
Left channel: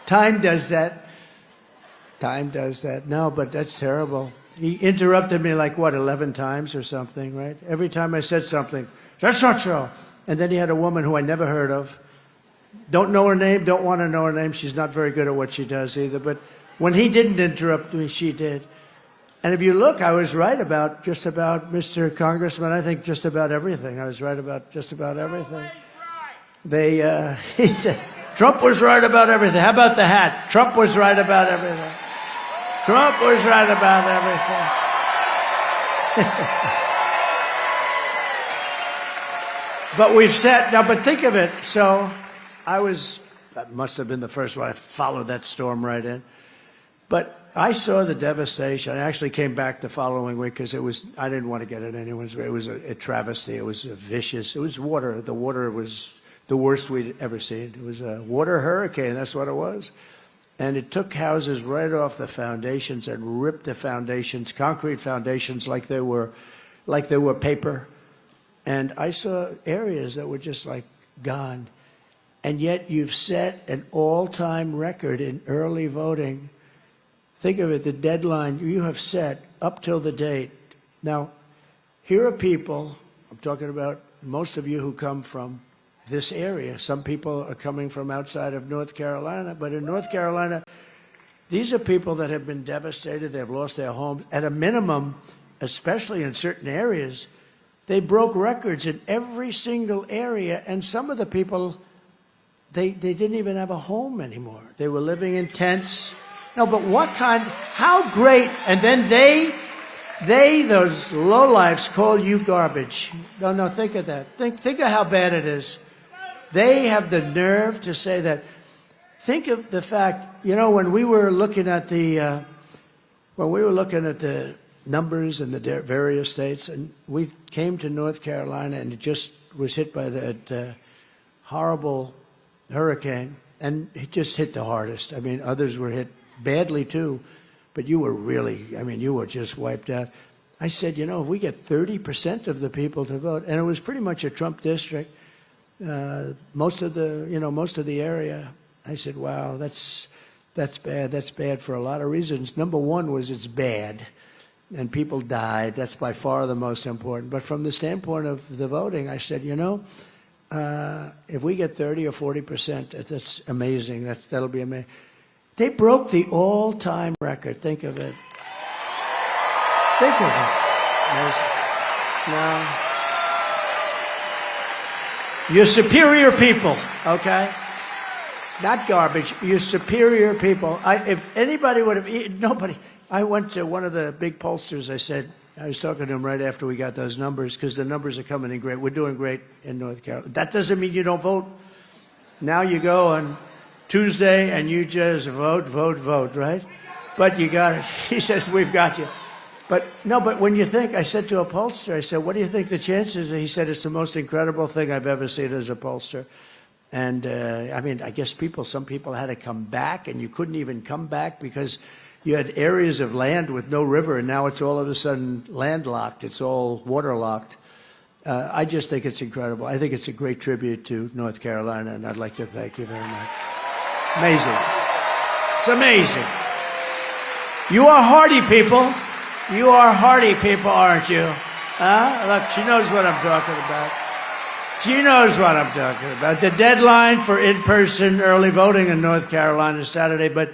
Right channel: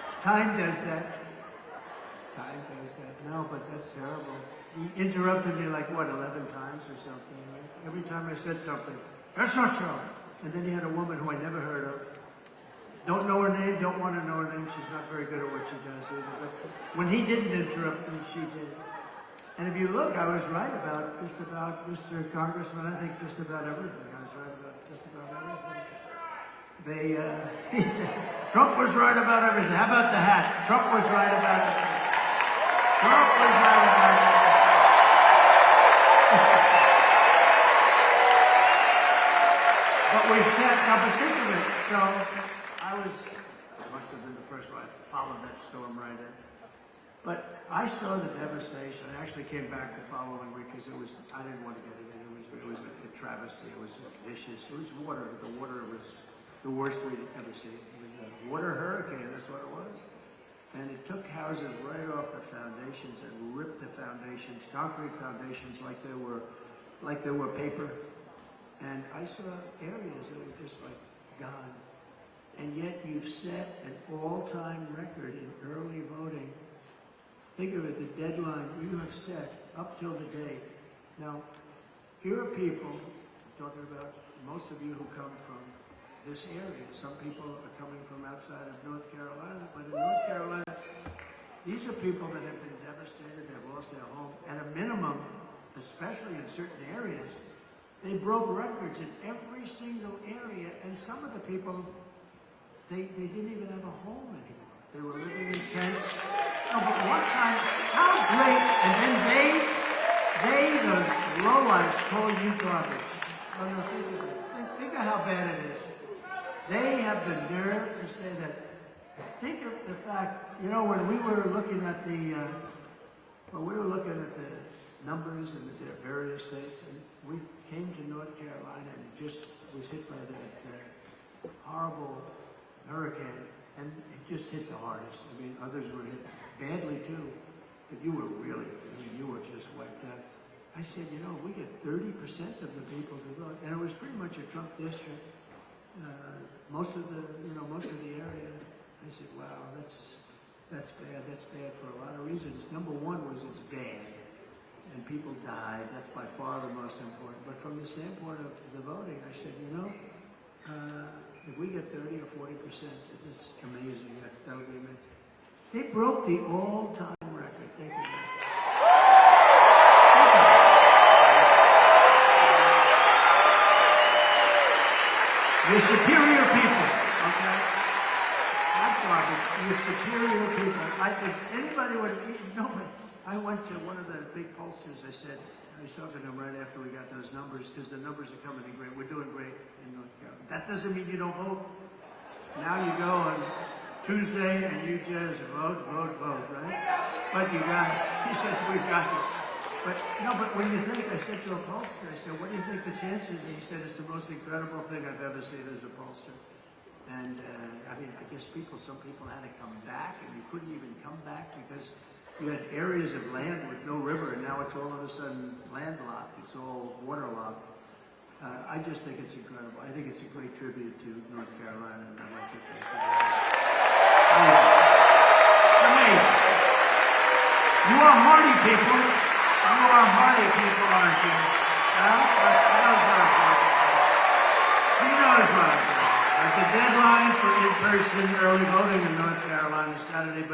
Time does that. Time does that. No, but that's terrible. He interrupted me like, 11 times or something, right? Every time I said something, that's not so. And then he had a woman who I never heard of. Don't know her name, don't want to know her name. She's not very good at what she does either. But when he didn't interrupt me, she did. And if you look, I was right about just about Mr. Congressman. I think just about everything. I was right about just about everything. He said, Trump was right about everything. How about the hat? Trump was right about everything. Trump was right about everything. But we've said, now, but think of it. So that must have been the first one. I followed that storm right in. But I saw the devastation. I actually came back the following week because I didn't want to get it anyone's way. It was a travesty. It was vicious. It was water. The water was the worst we'd ever seen. It was a water hurricane. That's what it was. And it took houses right off the foundations and ripped the foundations, concrete foundations, like they were paper. And I saw areas that were just like gone. And yet you've set an all-time record in early voting. Think of it, the deadline you have set up till the date. Now, Here are people, I'm talking about most of you who come from this area. Some people are coming from outside of North Carolina, but in North Carolina, these are people that have been devastated. They've lost their homes. At a minimum, especially in certain areas, they broke records in every single area, and some of the people, they didn't even have a home anymore. They were living in tents. No, but how great, and then those lowlifes call you garbage. No, think of that. Think of how bad it is. They have the nerve to say that. Think of the fact, when we were looking at the numbers in the various states, and we came to North Carolina, and it just was hit by that horrible hurricane, and it just hit the hardest. I mean, others were hit badly too, but you were you were just wiped out. I said, if we get 30% of the people to vote, and it was pretty much a Trump district, most of the area, I said, wow, that's bad. That's bad for a lot of reasons. Number one was it's bad, and people died. That's by far the most important. But from the standpoint of the voting, I said, if we get 30 or 40%, that's amazing. That'll be amazing. They broke the all-time record. Think of it. Think of it. You're superior people, okay? Not garbage. You're superior people. If anybody would have eaten, nobody. I went to one of the big pollsters. I was talking to him right after we got those numbers, because the numbers are coming in great. We're doing great in North Carolina. That doesn't mean you don't vote. Now you go on Tuesday and you just vote, right? But you got it. He says, we've got you. But when you think, I said to a pollster, I said, what do you think the chances? He said, it's the most incredible thing I've ever seen as a pollster. And I guess some people had to come back, and you couldn't even come back because you had areas of land with no river, and now it's all of a sudden landlocked. It's all waterlocked. I just think it's incredible. I think it's a great tribute to North Carolina, and I'd like to thank you very much. Amazing. It's amazing. You are hardy people. You are hardy people, aren't you? Look, she knows what I'm talking about. She knows what I'm talking about. The deadline for in-person early voting in North Carolina is Saturday, but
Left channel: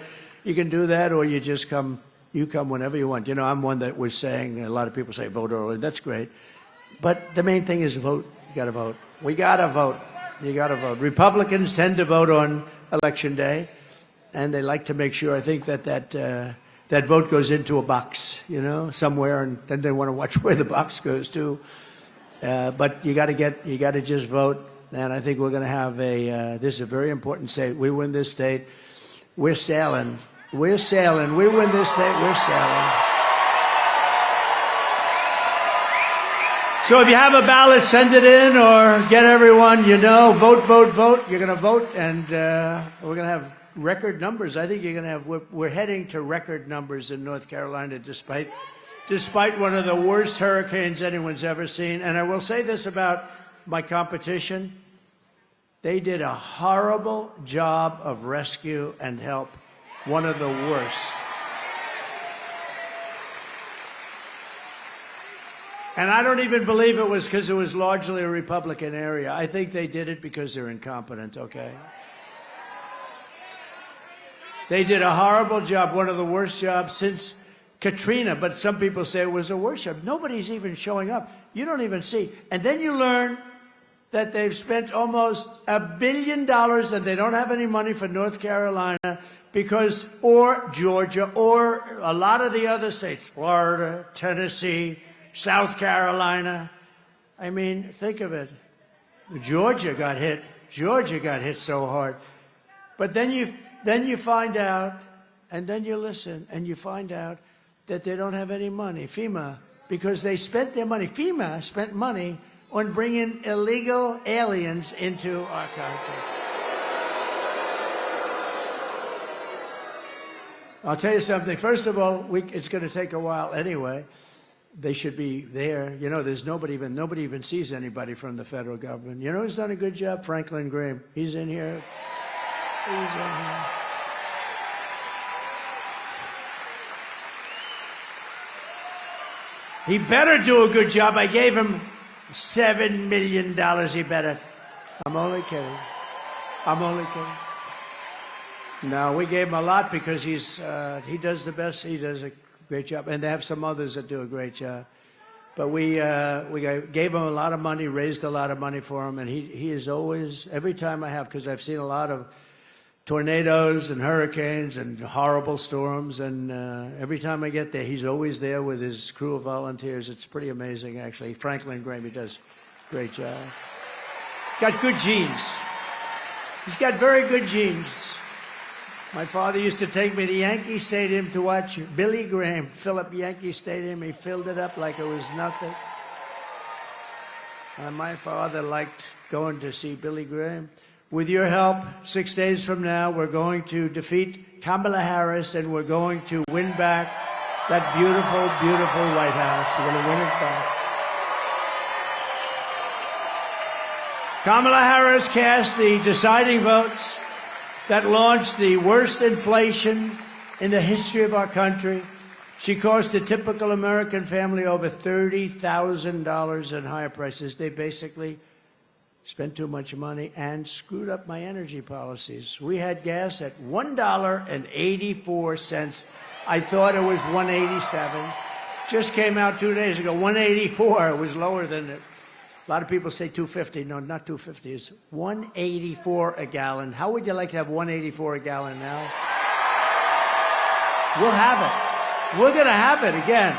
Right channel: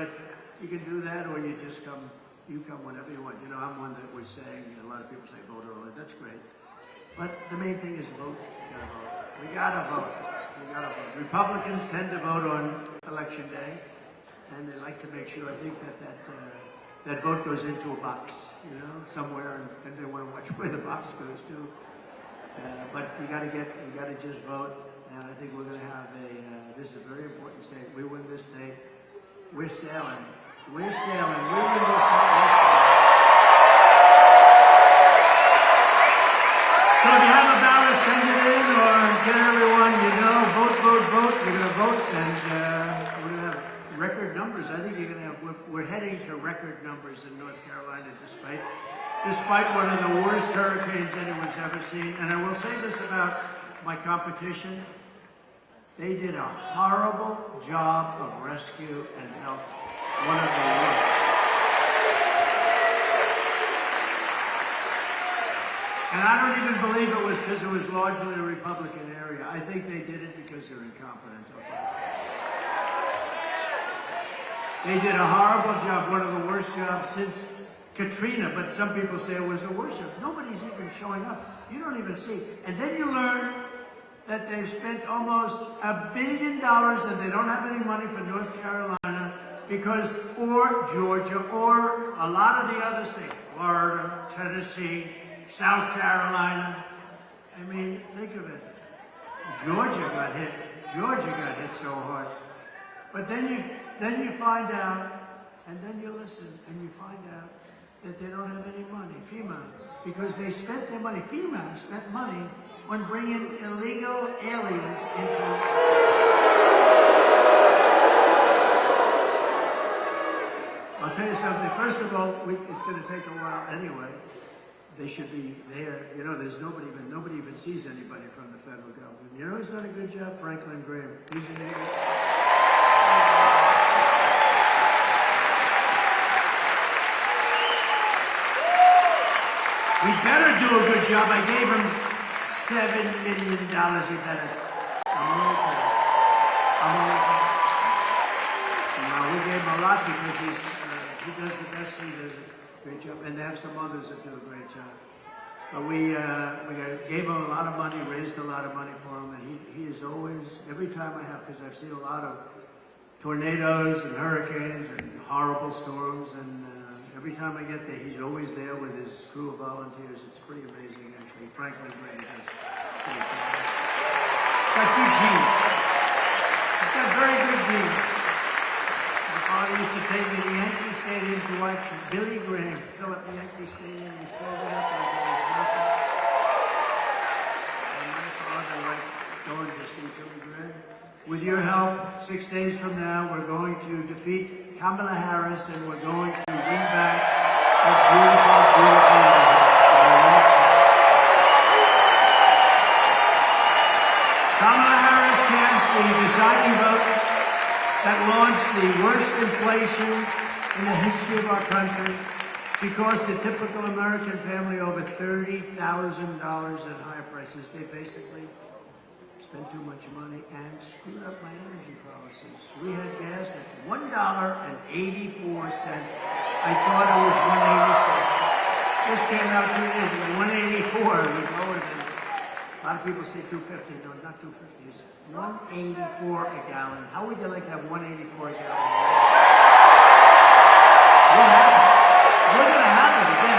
you can do that, or you just come. You come whenever you want. I'm one that was saying, a lot of people say vote early. That's great. But the main thing is vote. You got to vote. We got to vote. You got to vote. Republicans tend to vote on Election Day, and they like to make sure, I think, that vote goes into a box, somewhere, and then they want to watch where the box goes to. But you got to just vote. And I think we're going to have this is a very important state. We win this state, we're sailing. We're sailing. We win this state, we're sailing. So if you have a ballot, send it in, or get everyone vote. You're going to vote, and we're going to have record numbers. I think we're heading to record numbers in North Carolina, despite one of the worst hurricanes anyone's ever seen. And I will say this about my competition. They did a horrible job of rescue and help. One of the worst. And I don't even believe it was because it was largely a Republican area. I think they did it because they're incompetent, okay? They did a horrible job, one of the worst jobs since Katrina, but some people say it was a worse job. Nobody's even showing up. You don't even see. And then you learn that they've spent almost $1 billion and they don't have any money for North Carolina or Georgia, or a lot of the other states, Florida, Tennessee, South Carolina. I mean, think of it. Georgia got hit. Georgia got hit so hard. But then you find out, and then you listen, and you find out that they don't have any money, FEMA, because they spent their money. FEMA spent money on bringing illegal aliens into our country. I'll tell you something. First of all, it's going to take a while anyway. They should be there. There's nobody even sees anybody from the federal government. Who's done a good job? Franklin Graham. He's in here. He better do a good job. I gave him $7 million. He better. I'm only kidding. I'm only kidding. No, we gave him a lot because he does the best. He does a great job. And they have some others that do a great job. But we gave him a lot of money, raised a lot of money for him. And he is always, every time I have, because I've seen a lot of tornadoes and hurricanes and horrible storms, and every time I get there, he's always there with his crew of volunteers. It's pretty amazing, actually. Franklin Graham, he does a great job. Got good genes. He's got very good genes. My father used to take me to Yankee Stadium to watch Billy Graham fill up Yankee Stadium. He filled it up like it was nothing. And my father liked going to see Billy Graham. With your help, 6 days from now, we're going to defeat Kamala Harris, and we're going to win back that beautiful, beautiful White House. Kamala Harris cast the deciding votes that launched the worst inflation in the history of our country. She cost a typical American family over $30,000 in higher prices. They basically spent too much money and screwed up my energy policies. We had gas at $1.84. I thought it was $1.87. Just came out 2 days ago, $1.84. It was lower than it. A lot of people say $2.50. No, not $2.50. It's $1.84 a gallon. How would you like to have $1.84 a gallon now? We'll have it. We're going to have it again.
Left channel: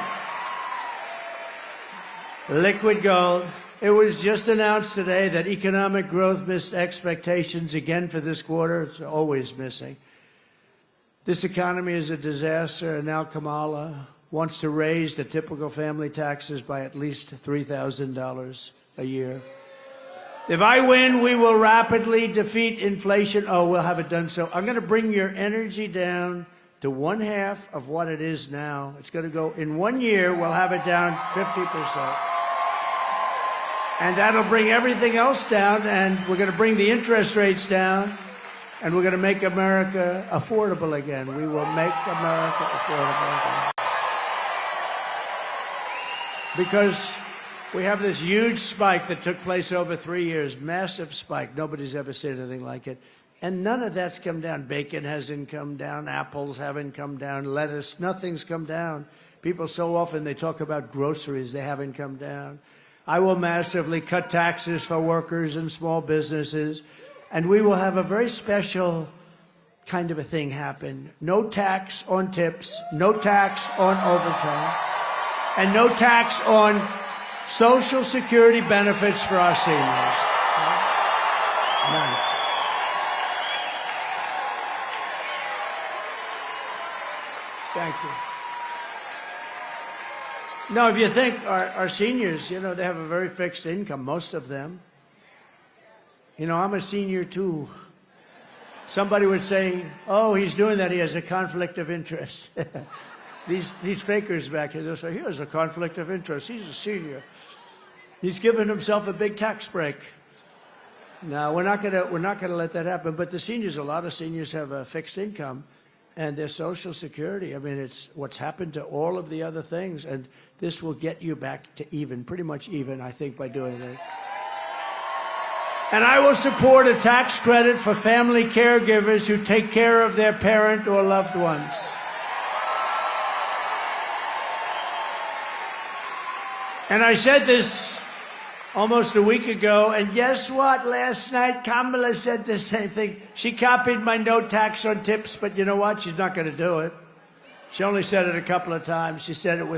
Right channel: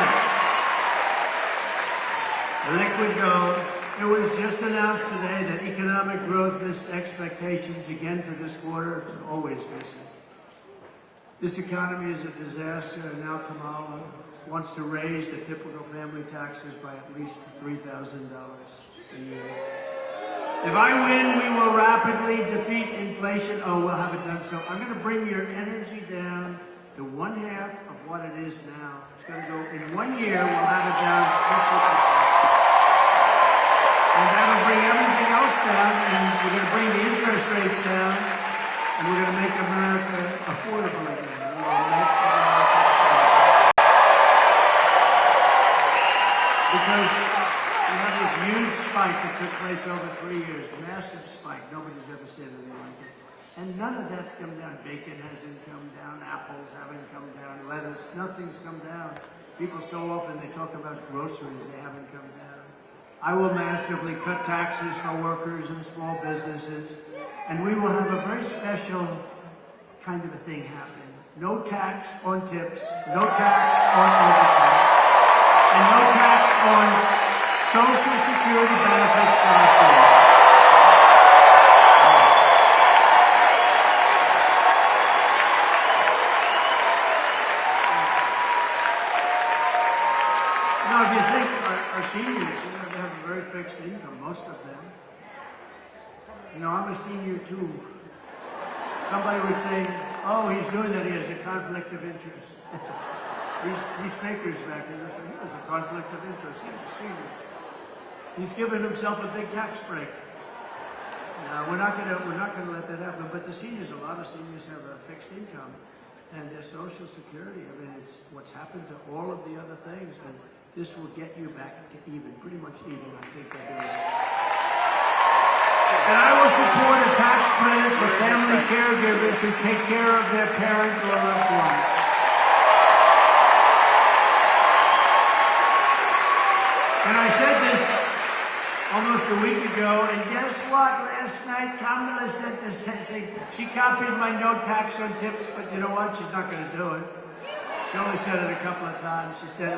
Liquid gold. It was just announced today that economic growth missed expectations again for this quarter. It's always missing. This economy is a disaster, and now Kamala wants to raise the typical family taxes by at least $3,000 a year. If I win, we will rapidly defeat inflation. Oh, we'll have it done so. I'm going to bring your energy down to 1/2 of what it is now. It's going to go, in 1 year, we'll have it down 50%. And that'll bring everything else down, and we're going to bring the interest rates down, and we're going to make America affordable again. We will make America affordable. Because we have this huge spike that took place over 3 years, massive spike. Nobody's ever seen anything like it. And none of that's come down. Bacon hasn't come down, apples haven't come down, lettuce, nothing's come down. People so often, they talk about groceries, they haven't come down. I will massively cut taxes for workers and small businesses, and we will have a very special kind of a thing happen. No tax on tips, no tax on overtime, and no tax on Social Security benefits for our seniors. Now, if you think our seniors, they have a very fixed income, most of them. I'm a senior too. Somebody would say, oh, he's doing that, he has a conflict of interest. these fakers back here, they'll say, here's a conflict of interest, he's a senior. He's given himself a big tax break. No, we're not gonna let that happen, but the seniors, a lot of seniors have a fixed income, and their Social Security, it's what's happened to all of the other things, and this will get you back to even, pretty much even, I think, by doing that. And I will support a tax credit for family caregivers who take care of their parent or loved ones. And I said this almost a week ago, and guess what? Last night, Kamala said the same thing. She copied my no tax on tips, but you know what? She's not going to do it. She only said it a couple of times. She said it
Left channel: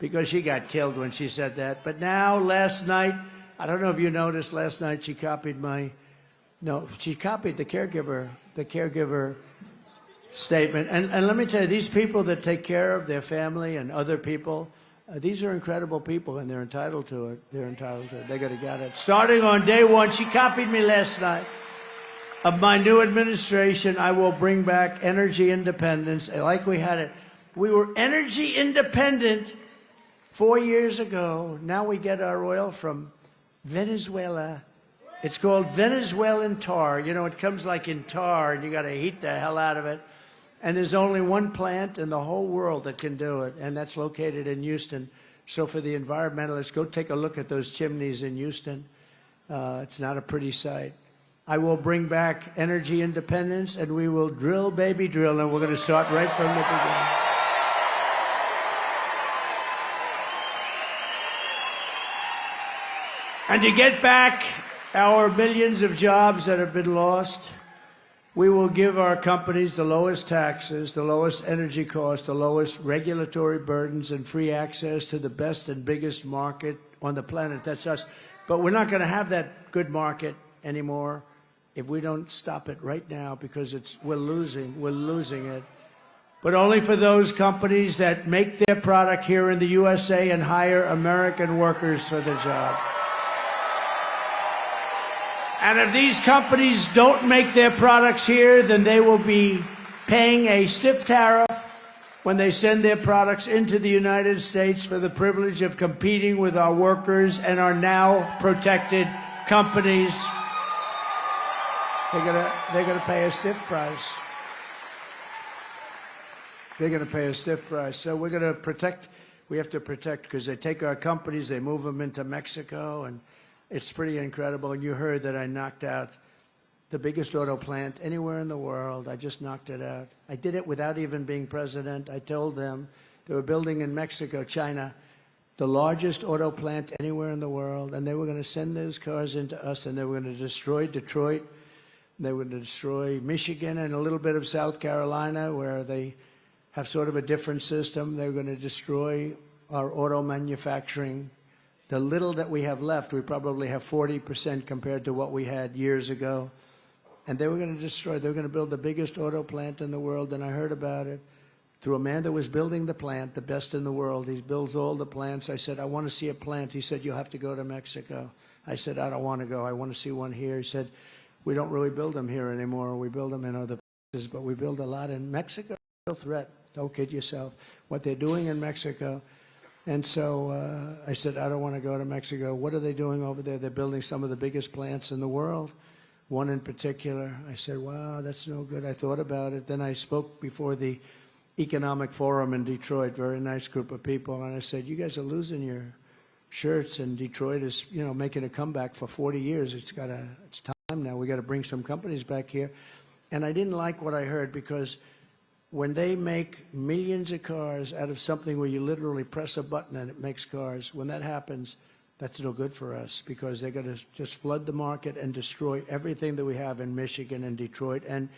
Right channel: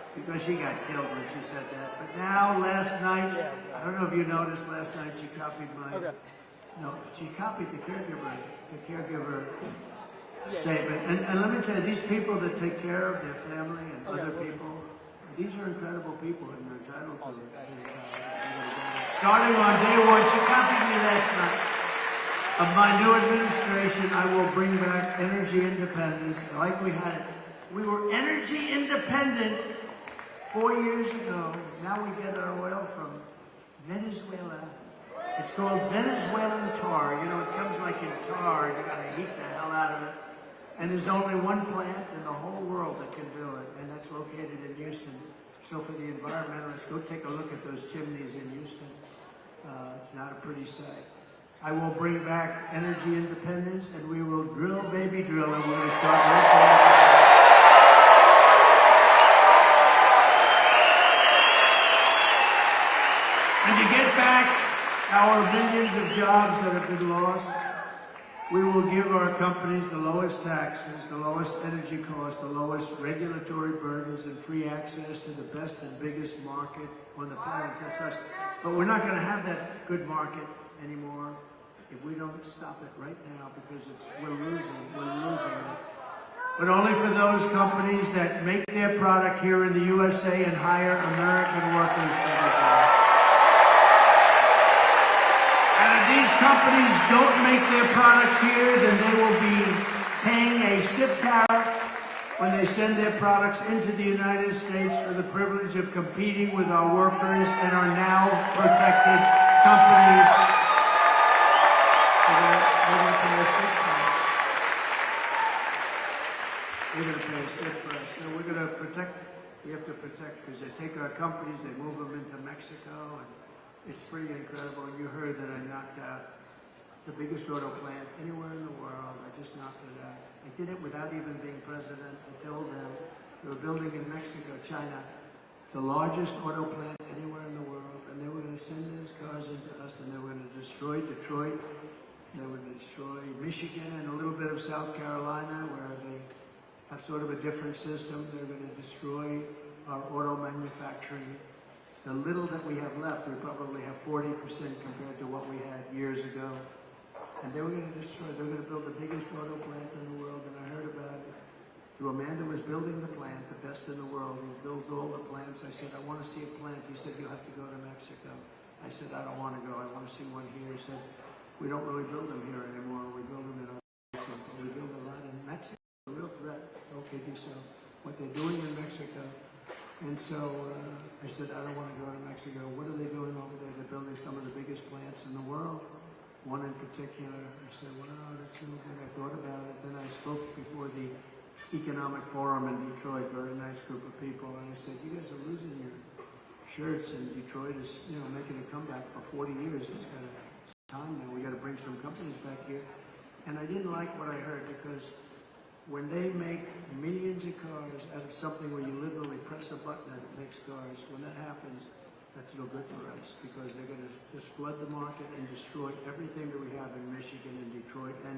because she got killed when she said that. But now, last night, I don't know if you noticed, last night she copied she copied the caregiver statement. And let me tell you, these people that take care of their family and other people, these are incredible people, and they're entitled to it. They're entitled to it. They're going to get it. Starting on day one, she copied me last night. Of my new administration, I will bring back energy independence, like we had it. We were energy independent 4 years ago. Now we get our oil from Venezuela. It's called Venezuelan tar. It comes like in tar, and you got to heat the hell out of it. And there's only one plant in the whole world that can do it, and that's located in Houston. So for the environmentalists, go take a look at those chimneys in Houston. It's not a pretty sight. I will bring back energy independence, and we will drill, baby, drill. And we're going to start right from the beginning. And to get back our millions of jobs that have been lost, we will give our companies the lowest taxes, the lowest energy costs, the lowest regulatory burdens, and free access to the best and biggest market on the planet. That's us. But we're not going to have that good market anymore if we don't stop it right now, because we're losing it. But only for those companies that make their product here in the USA and hire American workers for their job. And if these companies don't make their products here, then they will be paying a stiff tariff when they send their products into the United States for the privilege of competing with our workers and our now protected companies. They're going to pay a stiff price. They're going to pay a stiff price. So we're going to protect. We have to protect, because they take our companies, they move them into Mexico, and it's pretty incredible. And you heard that I knocked out the biggest auto plant anywhere in the world. I just knocked it out. I did it without even being president. I told them they were building in Mexico, China, the largest auto plant anywhere in the world, and they were going to send those cars into us, and they were going to destroy Detroit. They were going to destroy Michigan and a little bit of South Carolina, where they have sort of a different system. They were going to destroy our auto manufacturing. The little that we have left, we probably have 40% compared to what we had years ago. And they were going to destroy, they were going to build the biggest auto plant in the world, and I heard about it through a man that was building the plant, the best in the world. He builds all the plants. I said, I want to see a plant. He said, you'll have to go to Mexico. I said, I don't want to go. I want to see one here. He said, we don't really build them here anymore. We build them in other places, but we build a lot in Mexico. Real threat. Don't kid yourself. What they're doing in Mexico. And so I said, I don't want to go to Mexico. What are they doing over there? They're building some of the biggest plants in the world. One in particular. I said, wow, that's no good. I thought about it. Then I spoke before the Economic Forum in Detroit, very nice group of people. And I said, you guys are losing your shirts, and Detroit is, making a comeback for 40 years. It's time now. We got to bring some companies back here. And I didn't like what I heard, because when they make millions of cars out of something where you literally press a button and it makes cars, when that happens, that's no good for us, because they're going to just flood the market and destroy everything that we have in Michigan and Detroit. And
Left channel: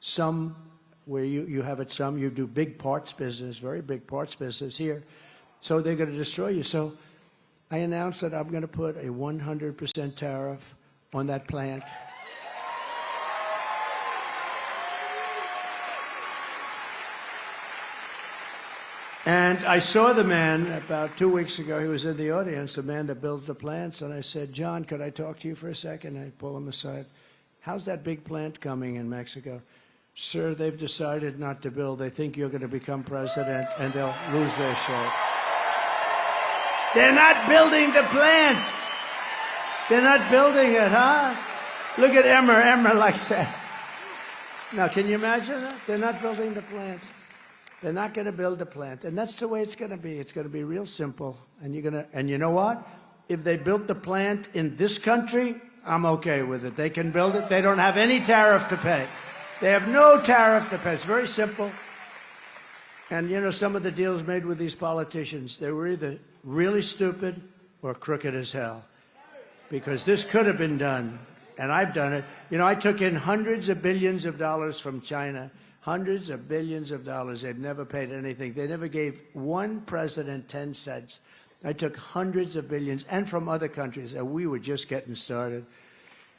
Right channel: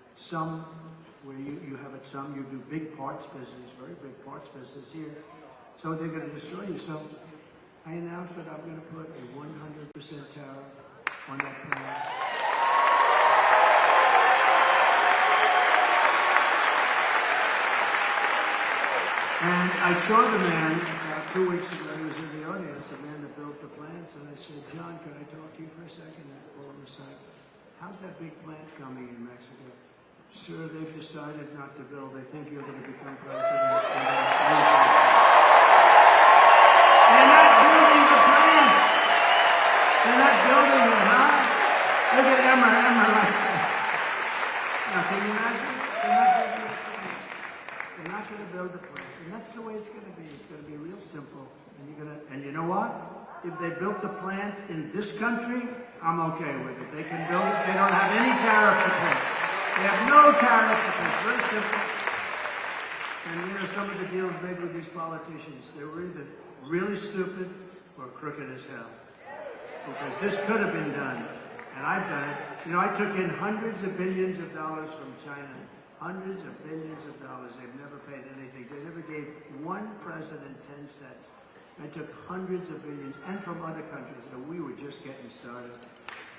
some, where you have it, some, you do big parts business, very big parts business here. So they're going to destroy you. So I announced that I'm going to put a 100% tariff on that plant. And I saw the man about 2 weeks ago. He was in the audience, the man that built the plants. And I said, John, could I talk to you for a second? And I pull him aside. How's that big plant coming in Mexico? Sir, they've decided not to build. They think you're going to become president, and they'll lose their show. They're not building the plant. They're not building it, huh? Look at Emma likes that. Now, can you imagine? They're not building the plant. They're not going to build the plant, and that's the way it's going to be. It's going to be real simple, and you know what? If they built the plant in this country, I'm okay with it. They can build it. They don't have any tariff to pay. They have no tariff to pay. It's very simple. And some of the deals made with these politicians, they were either really stupid or crooked as hell, because this could have been done, and I've done it. I took in hundreds of billions of dollars from China. Hundreds of billions of dollars. They've never paid anything. They never gave one president 10 cents. I took hundreds of billions, and from other countries, and we were just getting started.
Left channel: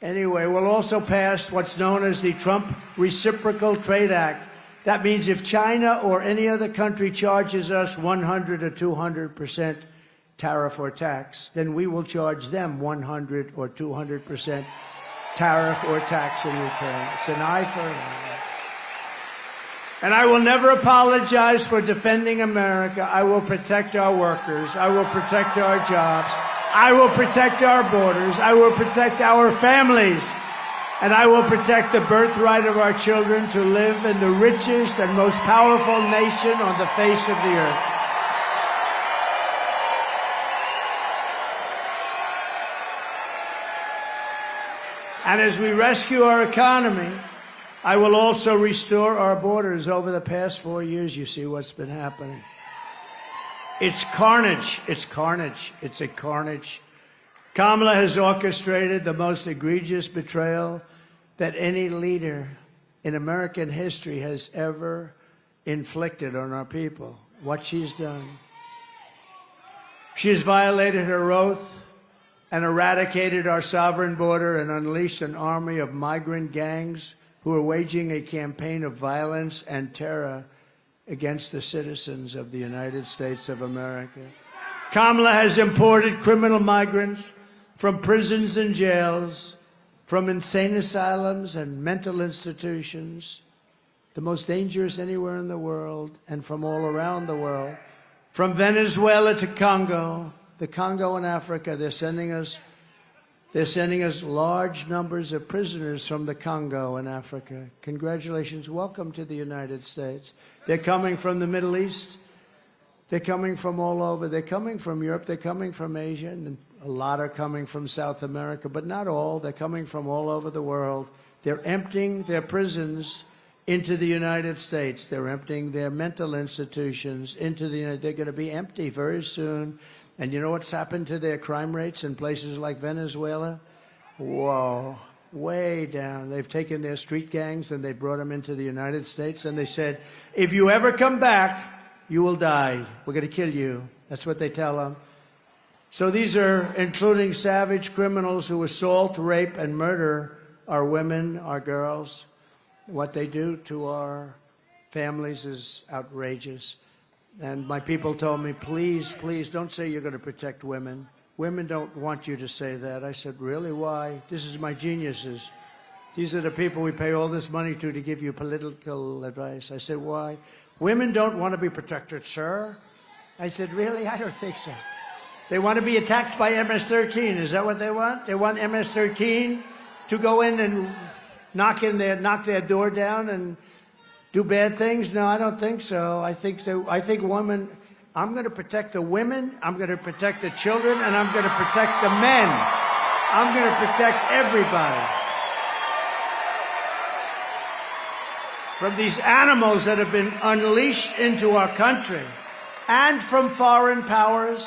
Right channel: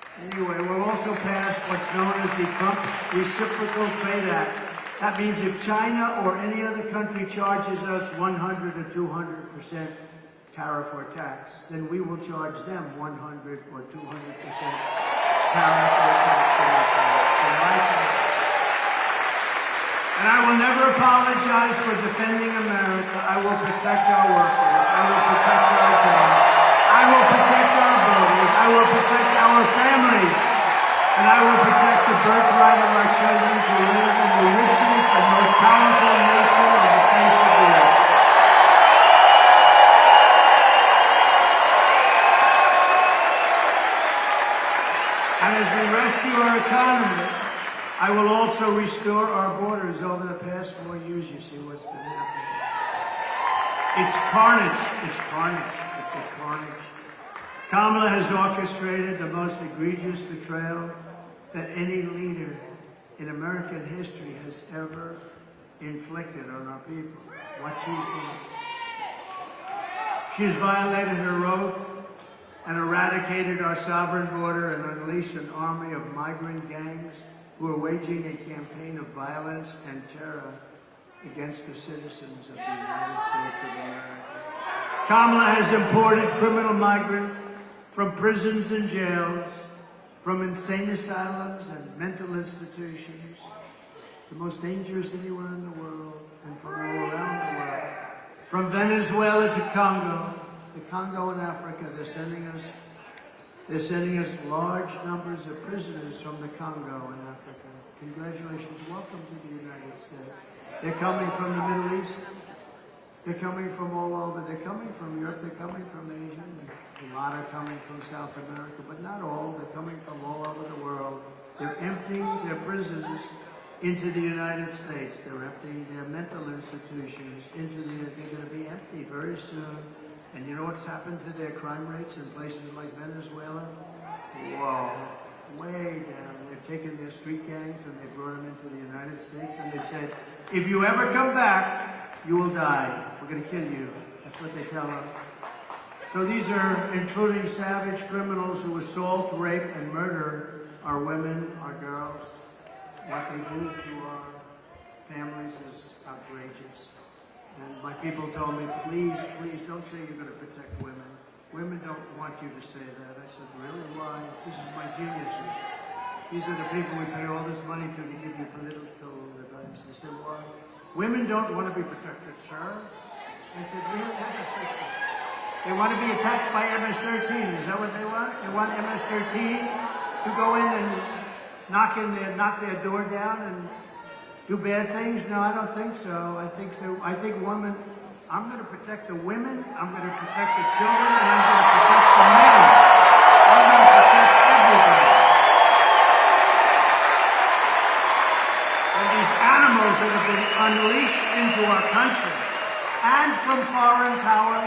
Anyway, we'll also pass what's known as the Trump Reciprocal Trade Act. That means if China or any other country charges us 100 or 200% tariff or tax, then we will charge them 100 or 200% tariff or tax in return. It's an eye for an eye. And I will never apologize for defending America. I will protect our workers. I will protect our jobs. I will protect our borders. I will protect our families. And I will protect the birthright of our children to live in the richest and most powerful nation on the face of the earth. And as we rescue our economy, I will also restore our borders. Over the past 4 years, you see what's been happening. It's carnage. It's carnage. It's a carnage. Kamala has orchestrated the most egregious betrayal that any leader in American history has ever inflicted on our people. What she's done. She has violated her oath and eradicated our sovereign border and unleashed an army of migrant gangs who are waging a campaign of violence and terror against the citizens of the United States of America. Kamala has imported criminal migrants from prisons and jails, from insane asylums and mental institutions, the most dangerous anywhere in the world, and from all around the world. From Venezuela to Congo, the Congo in Africa, they're sending us large numbers of prisoners from the Congo in Africa. Congratulations, welcome to the United States. They're coming from the Middle East. They're coming from all over. They're coming from Europe. They're coming from Asia. And a lot are coming from South America, but not all. They're coming from all over the world. They're emptying their prisons into the United States. They're emptying their mental institutions into the United States. They're going to be empty very soon. And you know what's happened to their crime rates in places like Venezuela? Whoa, way down. They've taken their street gangs and they brought them into the United States and they said, if you ever come back, you will die. We're going to kill you. That's what they tell them. So these are including savage criminals who assault, rape, and murder our women, our girls. What they do to our families is outrageous. And my people told me, please, please, don't say you're going to protect women. Women don't want you to say that. I said, really? Why? This is my geniuses. These are the people we pay all this money to give you political advice. I said, why? Women don't want to be protected, sir. I said, really? I don't think so. They want to be attacked by MS-13. Is that what they want? They want MS-13 to go in and knock their door down and do bad things? No, I don't think so. I think women, I'm going to protect the women, I'm going to protect the children, and I'm going to protect the men. I'm going to protect everybody from these animals that have been unleashed into our country and from foreign powers.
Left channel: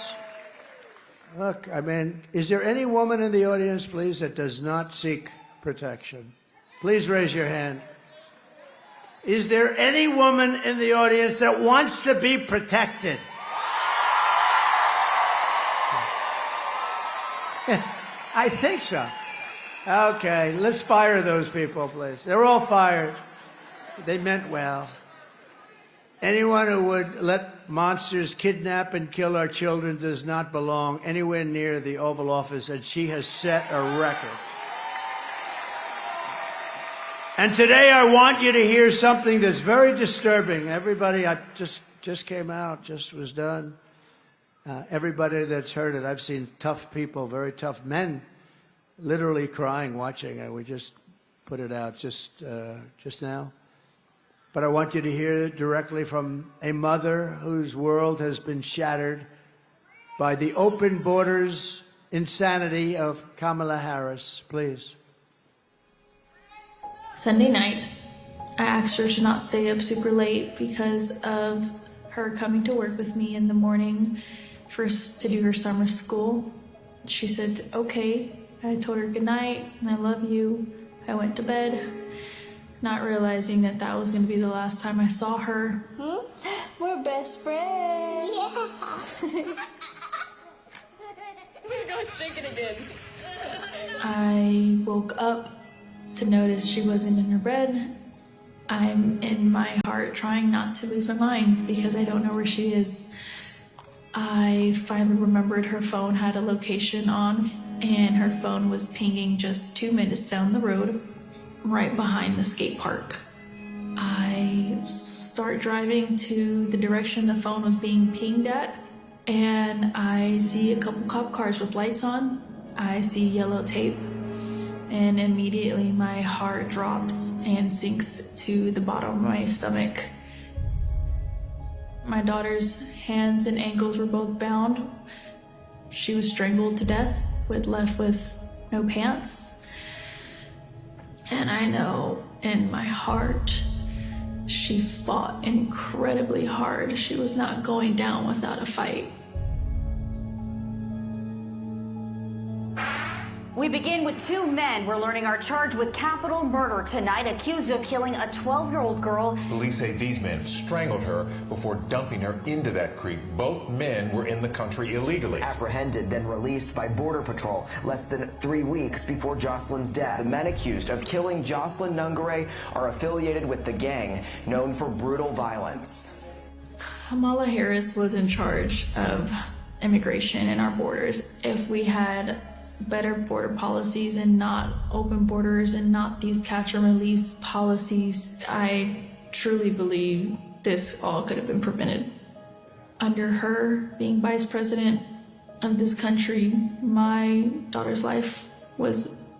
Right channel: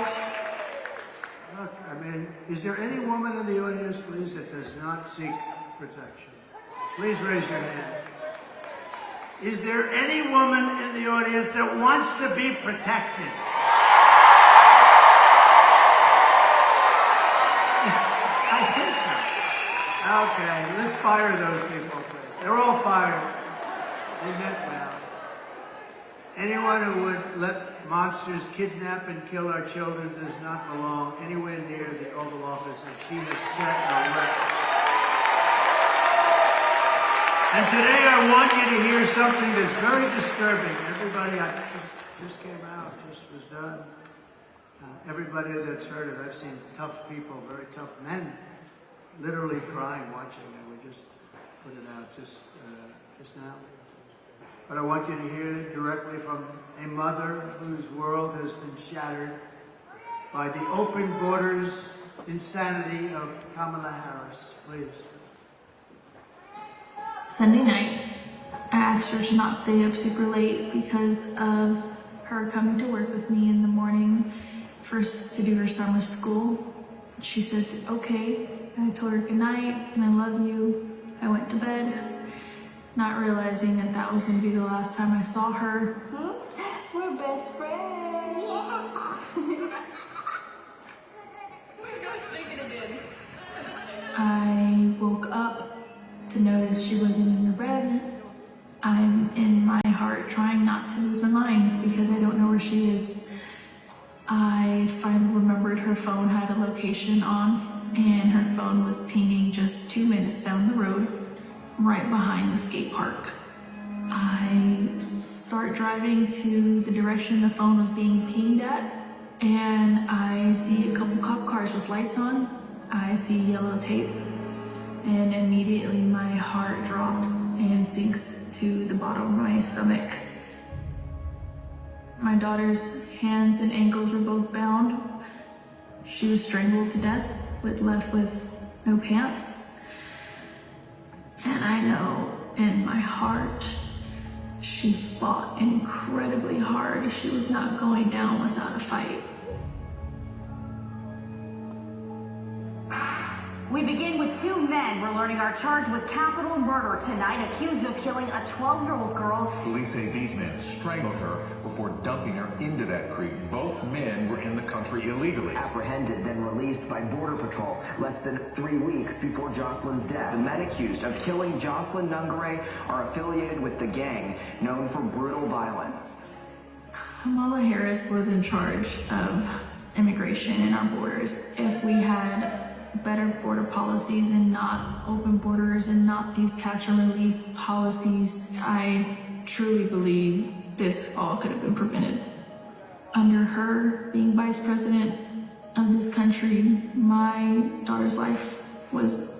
Look, I mean, is there any woman in the audience, please, that does not seek protection? Please raise your hand. Is there any woman in the audience that wants to be protected? I think so. Okay, let's fire those people, please. They're all fired. They meant well. Anyone who would let monsters kidnap and kill our children does not belong anywhere near the Oval Office, and she has set a record. And today I want you to hear something that's very disturbing. Everybody, I just came out, just was done. Everybody that's heard it, I've seen tough people, very tough men, literally crying watching it. We just put it out just now. But I want you to hear it directly from a mother whose world has been shattered by the open borders insanity of Kamala Harris. Please. Sunday night, I asked her to not stay up super late because of her coming to work with me in the morning first to do her summer school. She said, okay. I told her good night, and I love you. I went to bed, not realizing that that was going to be the last time I saw her. We're best friends. Yeah. I woke up to notice she wasn't in her bed. I'm in my heart trying not to lose my mind because I don't know where she is. I finally remembered her phone had a location on, and her phone was pinging just 2 minutes down the road, right behind my skate park. I start driving to the direction the phone was being pinged at, and I see a couple cop cars with lights on. I see yellow tape. And immediately my heart drops and sinks to the bottom of my stomach. My daughter's hands and ankles were both bound. She was strangled to death, left with no pants. She fought incredibly hard. She is not going down without a fight. We begin with two men we're learning are charged with capital murder tonight, accused of killing a 12-year-old girl. Police say these men strangled her before dumping her into that creek. Both men were in the country illegally. Apprehended, then released by Border Patrol less than 3 weeks before Jocelyn's death. The men accused of killing Jocelyn Nungare are affiliated with the gang known for brutal violence. Kamala Harris was in charge of immigration and our borders. If we had better border policies and not open borders and not these catch and release policies, I truly believe this all could have been prevented. Under her being vice president of this country, my daughter's life was